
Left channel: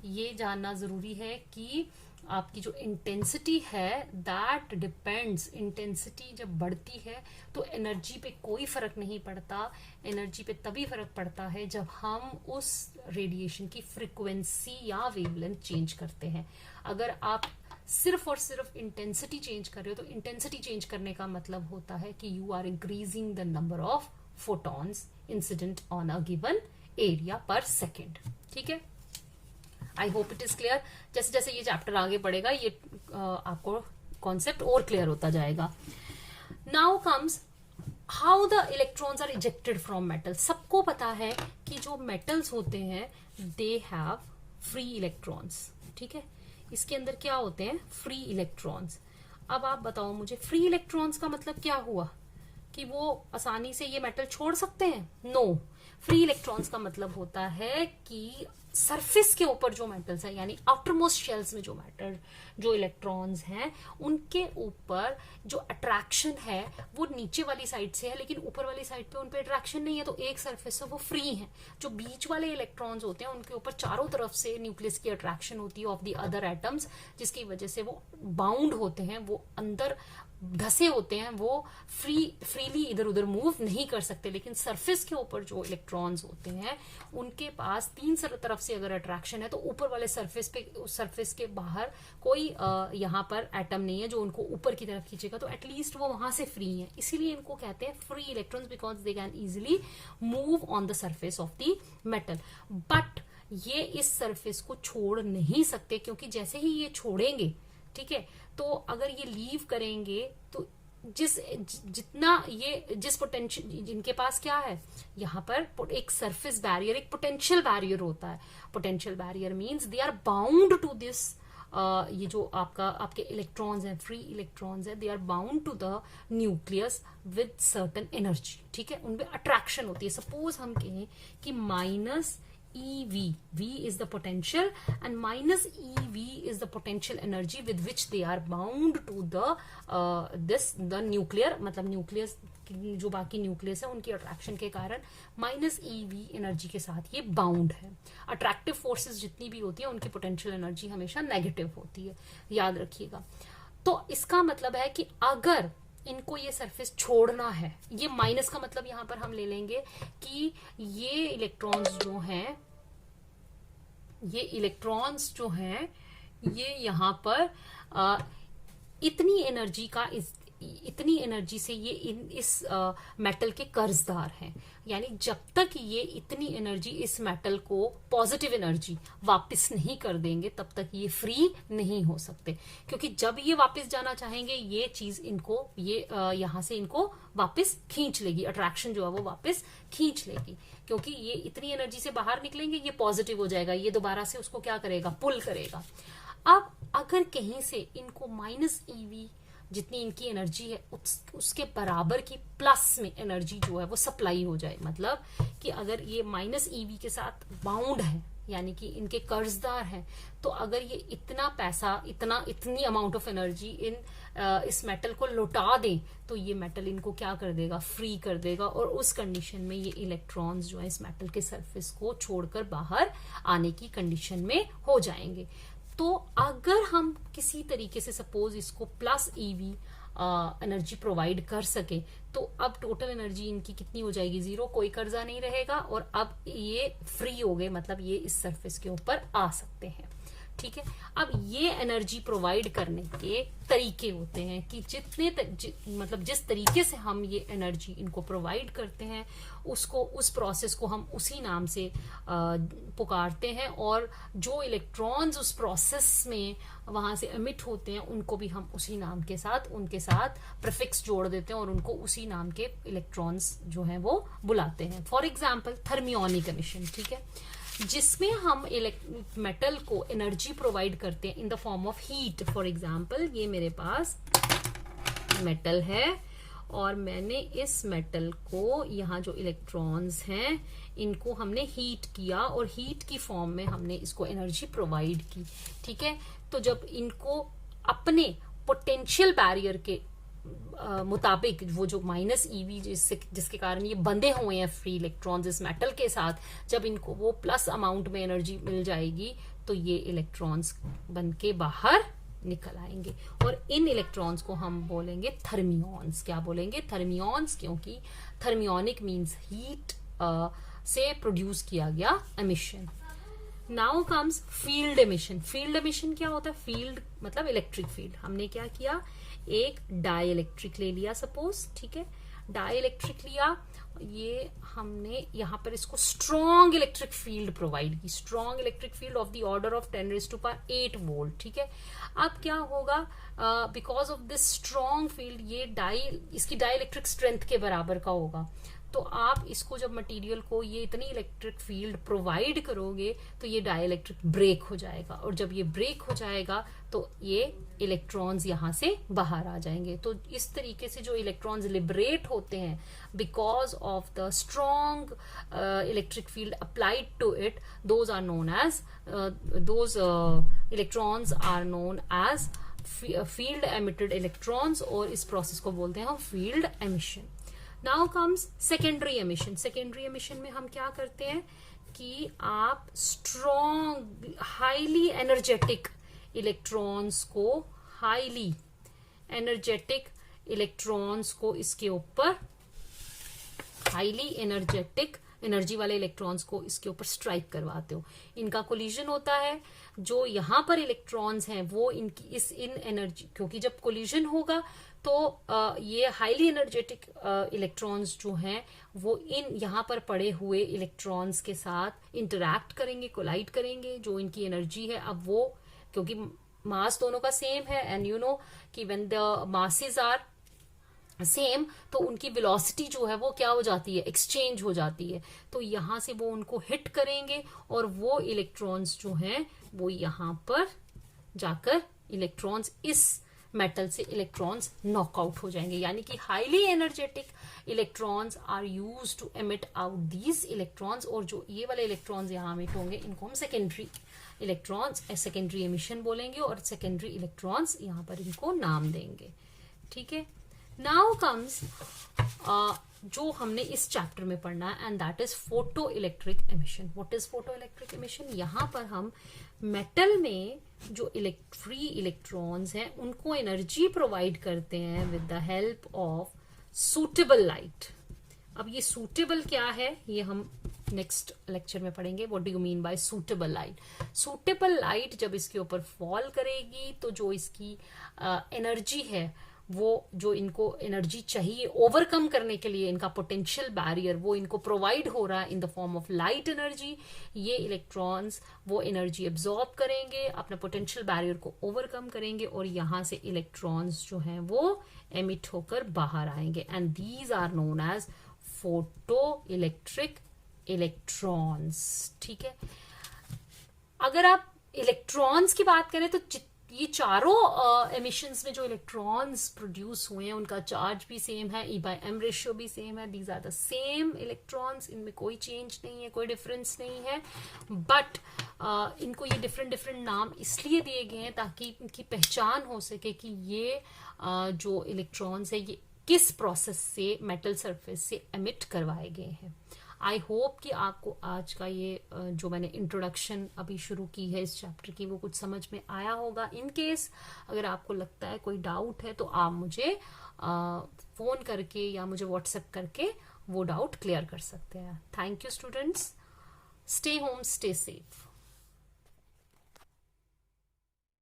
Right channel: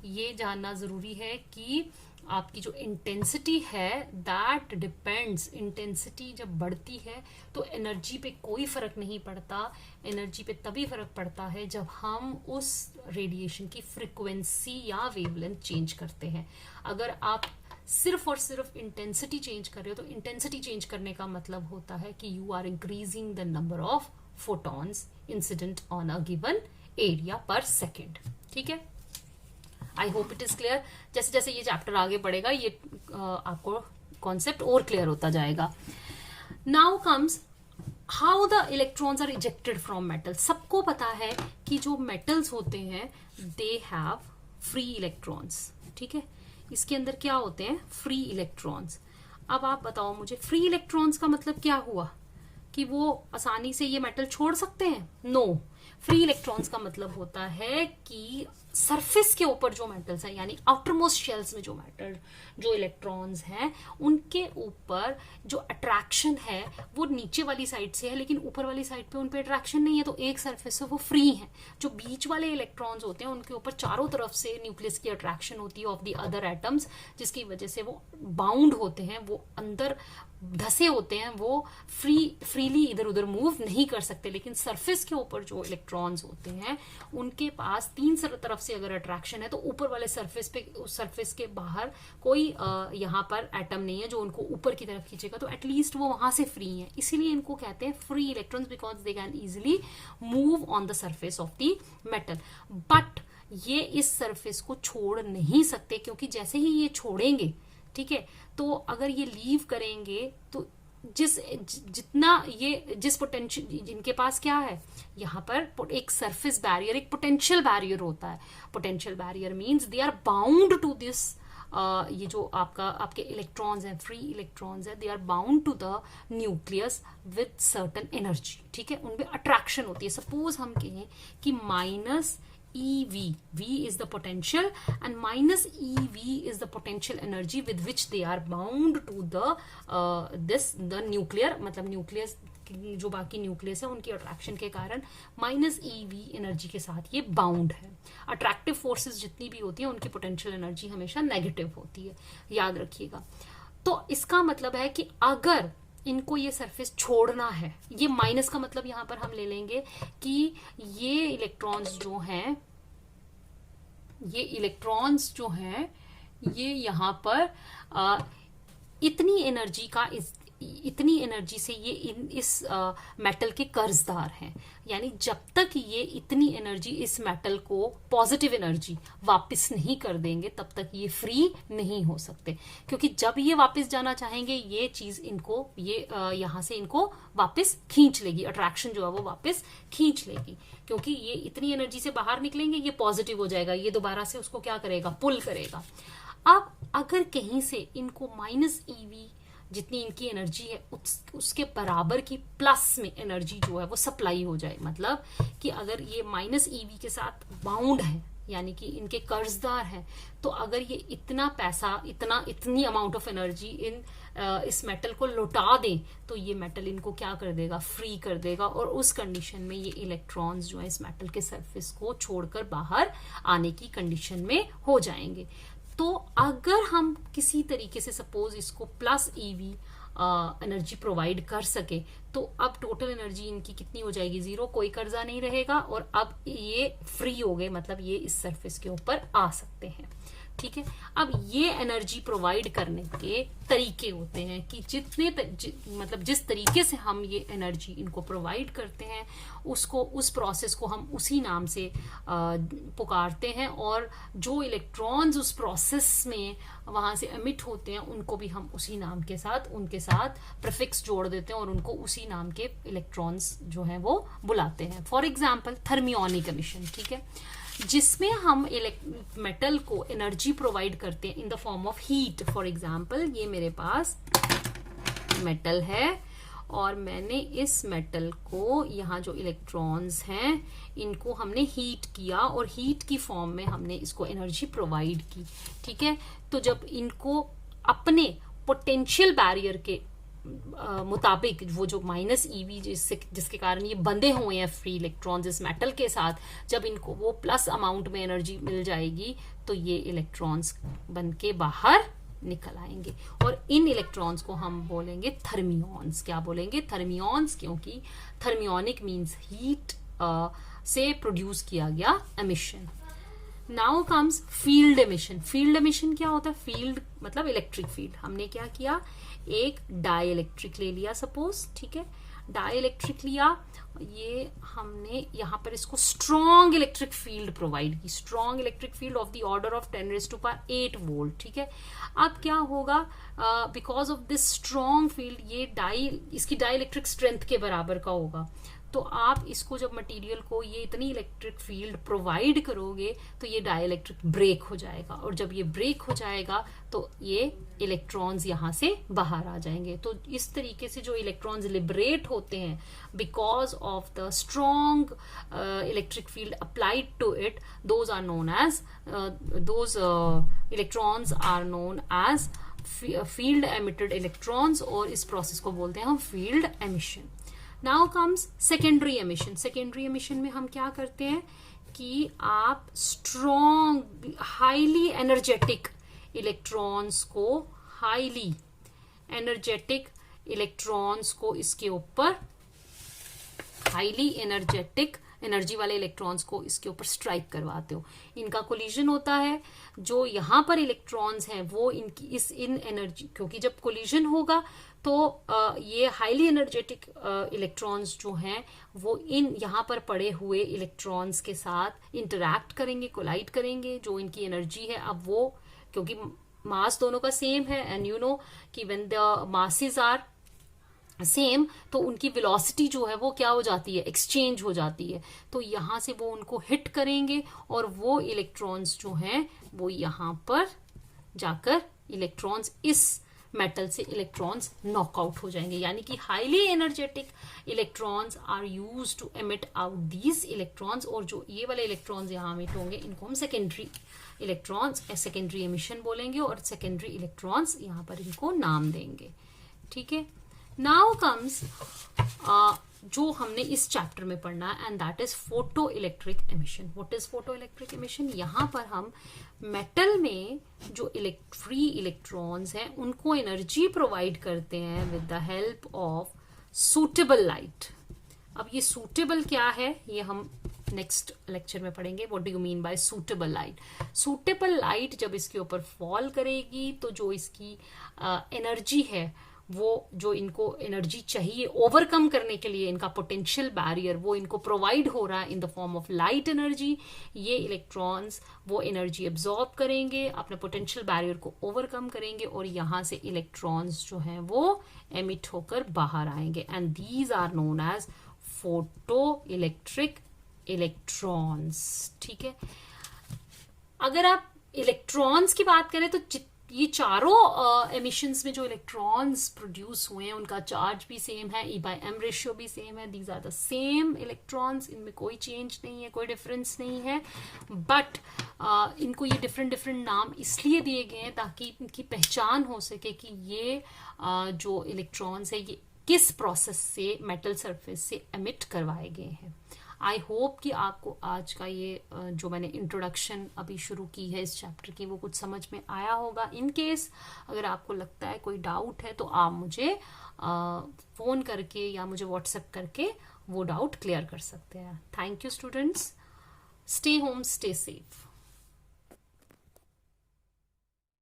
ये जानना जरूरी है कि आपकी जो इंटेंसिटी है दैट डिपेंड्स, इंटेंसिटी जब बढ़ती है तो एनर्जी पे कोई फर्क नहीं पड़ता। एनर्जी पे तभी फर्क पड़ता है जब हम उस रेडिएशन की फ्रीक्वेंसी या वेवलेंथ चेंज करते हैं। अगर आप सिर्फ और सिर्फ इंटेंसिटी चेंज कर रहे हो तो इंटेंसिटी चेंज करने का मतलब होता है कि you are increasing the number of photons incident on a given area per second. ठीक है, I hope it is clear. जैसे जैसे ये चैप्टर आगे बढ़ेगा ये आपको कॉन्सेप्ट और क्लियर होता जाएगा। Now comes how the electrons are ejected from metal. सबको पता है कि जो मेटल्स होते हैं दे हैव फ्री इलेक्ट्रॉन्स। ठीक है, इसके अंदर क्या होते हैं, फ्री इलेक्ट्रॉन्स। अब आप बताओ मुझे, फ्री इलेक्ट्रॉन्स का मतलब क्या हुआ, कि वो आसानी से ये मेटल छोड़ सकते हैं? नो। फ्री इलेक्ट्रॉन्स का मतलब होता है कि सरफेस के ऊपर जो मेटल्स हैं, यानी आउटरमोस्ट शेल्स में जो मेटल जो इलेक्ट्रॉन्स हैं, उनके ऊपर जो अट्रैक्शन है वो नीचे वाली साइड से है, लेकिन ऊपर वाली साइड पे उन पे अट्रैक्शन नहीं है, तो एक सरफेस से वो फ्री है। जो बीच वाले इलेक्ट्रॉन्स होते हैं उनके ऊपर चारों तरफ से न्यूक्लियस की अट्रैक्शन होती है ऑफ द अदर एटम्स, जिसकी वजह से वो बाउंड होते हैं, वो अंदर धसे होते हैं, वो फ्रीली इधर उधर मूव नहीं कर सकते। लेकिन सरफेस के ऊपर जो इलेक्ट्रॉन्स होते हैं उनके पास तीन तरफ से अगर अट्रैक्शन है तो ऊपर वाले सरफेस के बाहर कोई यहाँ पर एटम नहीं है जो उनको ऊपर की तरफ खींचेगा, तो एटलीस्ट वो वहां से फ्री है। इसीलिए इनको कहते हैं free electrons, because they can easily move on the surface of the metal. But ये इस सरफेस को छोड़ नहीं सकते, क्योंकि जैसे ही ये छोड़ेंगे, ठीक है, तो अगर ये लीव करेंगे तो जिस पोटेंशियल जिनके पास क्या है, यहाँ पर एक सरफेस बैरियर, एक पोटेंशियल बैरियर होता है। Potential barrier means they are bound to this, ये जो आपके इलेक्ट्रॉन्स हैं, फ्री इलेक्ट्रॉन्स है, they are bound to the nucleus with certain energy. ठीक है, उनमें अट्रैक्शन होती है। सपोज हम कहें कि minus EV, V is the potential and minus EV is the potential energy with which they are bound to the nuclear, मतलब nucleus जो बाकी न्यूक्लियस है उनकी अट्रैक्शन के कारण माइनस EV एनर्जी के साथ ये बाउंड है। अट्रैक्टिव फोर्सेस जितनी भी होती है उनकी पोटेंशियल एनर्जी हमेशा नेगेटिव होती है, याद रखिएगा। तो इसका मतलब है कि अगर इनको ये सरफेस छोड़ना है, ये माइनस का मतलब यहां पर हम ले लेंगे कि ये इलेक्ट्रॉन्स जो हैं ये यहां पर इतनी एनर्जी का इतनी एनर्जी से ये इस मेटल के कर्जदार हैं। यानी जब तक ये इतनी एनर्जी इस मेटल को पॉजिटिव एनर्जी वापस नहीं कर देंगे तब तक ये फ्री नहीं हो सकते, क्योंकि जब ये वापस जाना चाहेंगे ये चीज इनको ये यहाँ से इनको वापस खींच लेगी, अट्रैक्शन जो है वो वापस खींच लेगी, क्योंकि ये इतनी एनर्जी से बाहर निकलेंगे ये पॉजिटिव हो जाएगा, ये दोबारा से उसको क्या करेगा, पुल करेगा। अब अगर कहीं से इनको माइनस ईवी जितनी इनकी एनर्जी है उसके बराबर की प्लस में एनर्जी जो है वो सप्लाई हो जाए, मतलब कि अगर ये माइनस ईवी के साथ बाउंड है यानी कि इनके कर्जदार हैं, तो अगर ये इतना पैसा इतनी अमाउंट ऑफ एनर्जी इस मेटल को लौटा दें तो ये मेटल इनको क्या कर देगा, फ्री कर देगा, और उस कंडीशन में ये इलेक्ट्रॉन्स जो है इस मेटल के सरफेस को छोड़कर बाहर आने की कंडीशन में हो जाएंगे। तो अगर हम किसी तरीके से सपोज इसको प्लस ईवी एनर्जी प्रोवाइड कर सके तो अब टोटल एनर्जी इनकी कितनी हो जाएगी, 0, कोई कर्जा नहीं रहेगा, और अब ये फ्री हो गए, मतलब ये इस सरफेस के ऊपर आ सकते हैं। ठीक है, अब ये एनर्जी प्रोवाइड करने के तरीके होते हैं कि मतलब जिस तरीके से हम ये एनर्जी इनको प्रोवाइड करते हैं उस प्रोसेस को हम उसी नाम से पुकारते हैं, और जो इलेक्ट्रॉन्स उस प्रोसेस में वहां से एमिट होते हैं उनको भी हम उसी नाम के साथ उनके साथ प्रीफिक्स जोड़ देते हैं और उनको उसी नाम के इलेक्ट्रॉन्स जो है वो बुलाते हैं। फॉर एग्जाम्पल थर्मियोनिक एमिशन, ठीक है, जिसमें हम मेटल को एनर्जी प्रोवाइड करते हैं इन the form of heat. For example ये मेरे पास मेटल है और मैंने इस मेटल को यहाँ जो इलेक्ट्रॉन्स हैं इनको हमने हीट किया और हीट की फॉर्म में हमने इसको एनर्जी प्रोवाइड की। ठीक है, तो जब इनको अपने पोटेंशियल बैरियर के मुताबिक वो जो माइनस ईवी जिसके कारण ये बंधे हुए हैं फ्री इलेक्ट्रॉन्स इस मेटल के साथ, जब इनको वो प्लस अमाउंट में एनर्जी मिल जाएगी तो ये इलेक्ट्रॉन्स बन के बाहर निकल आएंगे, और इन इलेक्ट्रॉन्स को हम बोलेंगे थर्मियॉन्स। क्या बोलेंगे, थर्मियॉन्स, क्योंकि थर्मियोनिक मीन्स हीट से प्रोड्यूस किया गया emission. Now comes field emission. Field emission क्या होता है, फील्ड मतलब इलेक्ट्रिक फील्ड। हमने क्या किया, एक डाई इलेक्ट्रिक ले लिया सपोज, ठीक है, डाई इलेक्ट्रिक लिया, ये हमने यहाँ पर इसको स्ट्रॉन्ग इलेक्ट्रिक फील्ड प्रोवाइड की, strong electric field of the order of 10⁸ volt. ठीक है, अब क्या होगा, because of this strong field ये इसकी डाई इलेक्ट्रिक स्ट्रेंथ के बराबर का होगा, तो आप इसको जब मटेरियल को ये इतनी इलेक्ट्रिक फील्ड प्रोवाइड करोगे तो ये डाइलेक्ट्रिक ब्रेक हो जाएगा, और जब ये ब्रेक हो जाएगा तो ये इलेक्ट्रॉन्स यहाँ से बाहर आ जाएंगे। तो इस तरीके से जो इलेक्ट्रॉन्स लिबरेट होते हैं because of the strong electric field applied to it, those are known as those electrons are known as field emitted electrons, और इस प्रोसेस को बोलते हैं हम field emission. Now comes secondary emission. Secondary emission में हम क्या करते हैं कि आप स्ट्रॉन्ग हाईली एनर्जेटिक इलेक्ट्रॉन्स को इसके ऊपर हाईली एनर्जेटिक एनर्जी वाले इलेक्ट्रॉन्स को इसके ऊपर स्ट्राइक करवाते हो। इनका कोलिजन होता है, जो यहाँ पर इलेक्ट्रॉन्स हैं वो इन एनर्जी, क्योंकि जब कोलिजन होगा तो ये हाईली एनर्जेटिक इलेक्ट्रॉन्स जो हैं वो इन यहाँ पर पड़े हुए इलेक्ट्रॉन्स के साथ इंटरैक्ट करेंगे, कोलाइड करेंगे, जो इनकी एनर्जी है। अब वो क्योंकि मास दोनों का सेम है, एंड यू नो कि when the masses are same तो उनकी वेलोसिटी जो है वो क्या हो जाती है, एक्सचेंज हो जाती है। तो यहाँ से वो उनको हिट करेंगे और वो इलेक्ट्रॉन्स जो हैं वो यहाँ पर जाकर इलेक्ट्रॉन्स इस मेटल से इलेक्ट्रॉन्स नॉकआउट हो जाएंगे। यानी कि highly energetic electrons are use to emit out these electrons, और जो ये वाले इलेक्ट्रॉन्स यहाँ एमिट होंगे इनको हम सेकेंडरी इलेक्ट्रॉन्स सेकेंडरी एमिशन बोलेंगे, और सेकेंडरी इलेक्ट्रॉन्स यहाँ पर इनको नाम देंगे। ठीक है, नाउ कम्स जो हमने इस चैप्टर में पढ़ना है, and that is photo electric emission. What is photo electric emission? यहाँ पर हम मेटल में जो फ्री इलेक्ट्रॉन्स हैं उनको एनर्जी प्रोवाइड करते हैं with the help of suitable light. अब ये सूटेबल क्या है ये हम नेक्स्ट लेक्चर में पढ़ेंगे। What do you mean by suitable light? Suitable light जब इसके ऊपर फॉल करेगी तो जो इसकी एनर्जी है वो जो इनको एनर्जी चाहिए ओवरकम करने के लिए, इनका पोटेंशियल बैरियर वो इनको प्रोवाइड हो रहा है in the form of light energy. ये इलेक्ट्रॉन्स वो एनर्जी एब्जॉर्ब करेंगे, अपने पोटेंशियल बैरियर को ओवरकम करेंगे और यहां से इलेक्ट्रॉन्स जो हैं वो एमिट होकर बाहर आएंगे, and these are known as photo electric electrons. ठीक है, अगर आप इलेक्ट्रॉन्स की बात करें तो ये चारों एमिशंस में जो इलेक्ट्रॉन्स प्रोड्यूस हुए हैं उनका चार्ज भी सेम है, E/m रेशियो भी सेम है, these are the same electrons, इनमें कोई चेंज नहीं है, कोई डिफरेंस नहीं है। बट इनको ये डिफरेंट डिफरेंट नाम इसलिए दिए गए हैं ताकि इनकी पहचान हो सके कि ये जो इलेक्ट्रॉन्स है ये किस प्रोसेस से मेटल सरफेस से एमिट करवाए गए हैं। आई होप कि आपको आज का ये जो मैंने इंट्रोडक्शन अभी शुरू की है इस चैप्टर की वो कुछ समझ में आया होगा। इन केस अगर आपको लगता है कोई डाउट है तो आप मुझे फोन करके या मुझे व्हाट्सएप करके वो डाउट क्लियर कर सकते हैं। Thank you students, stay home, stay safe.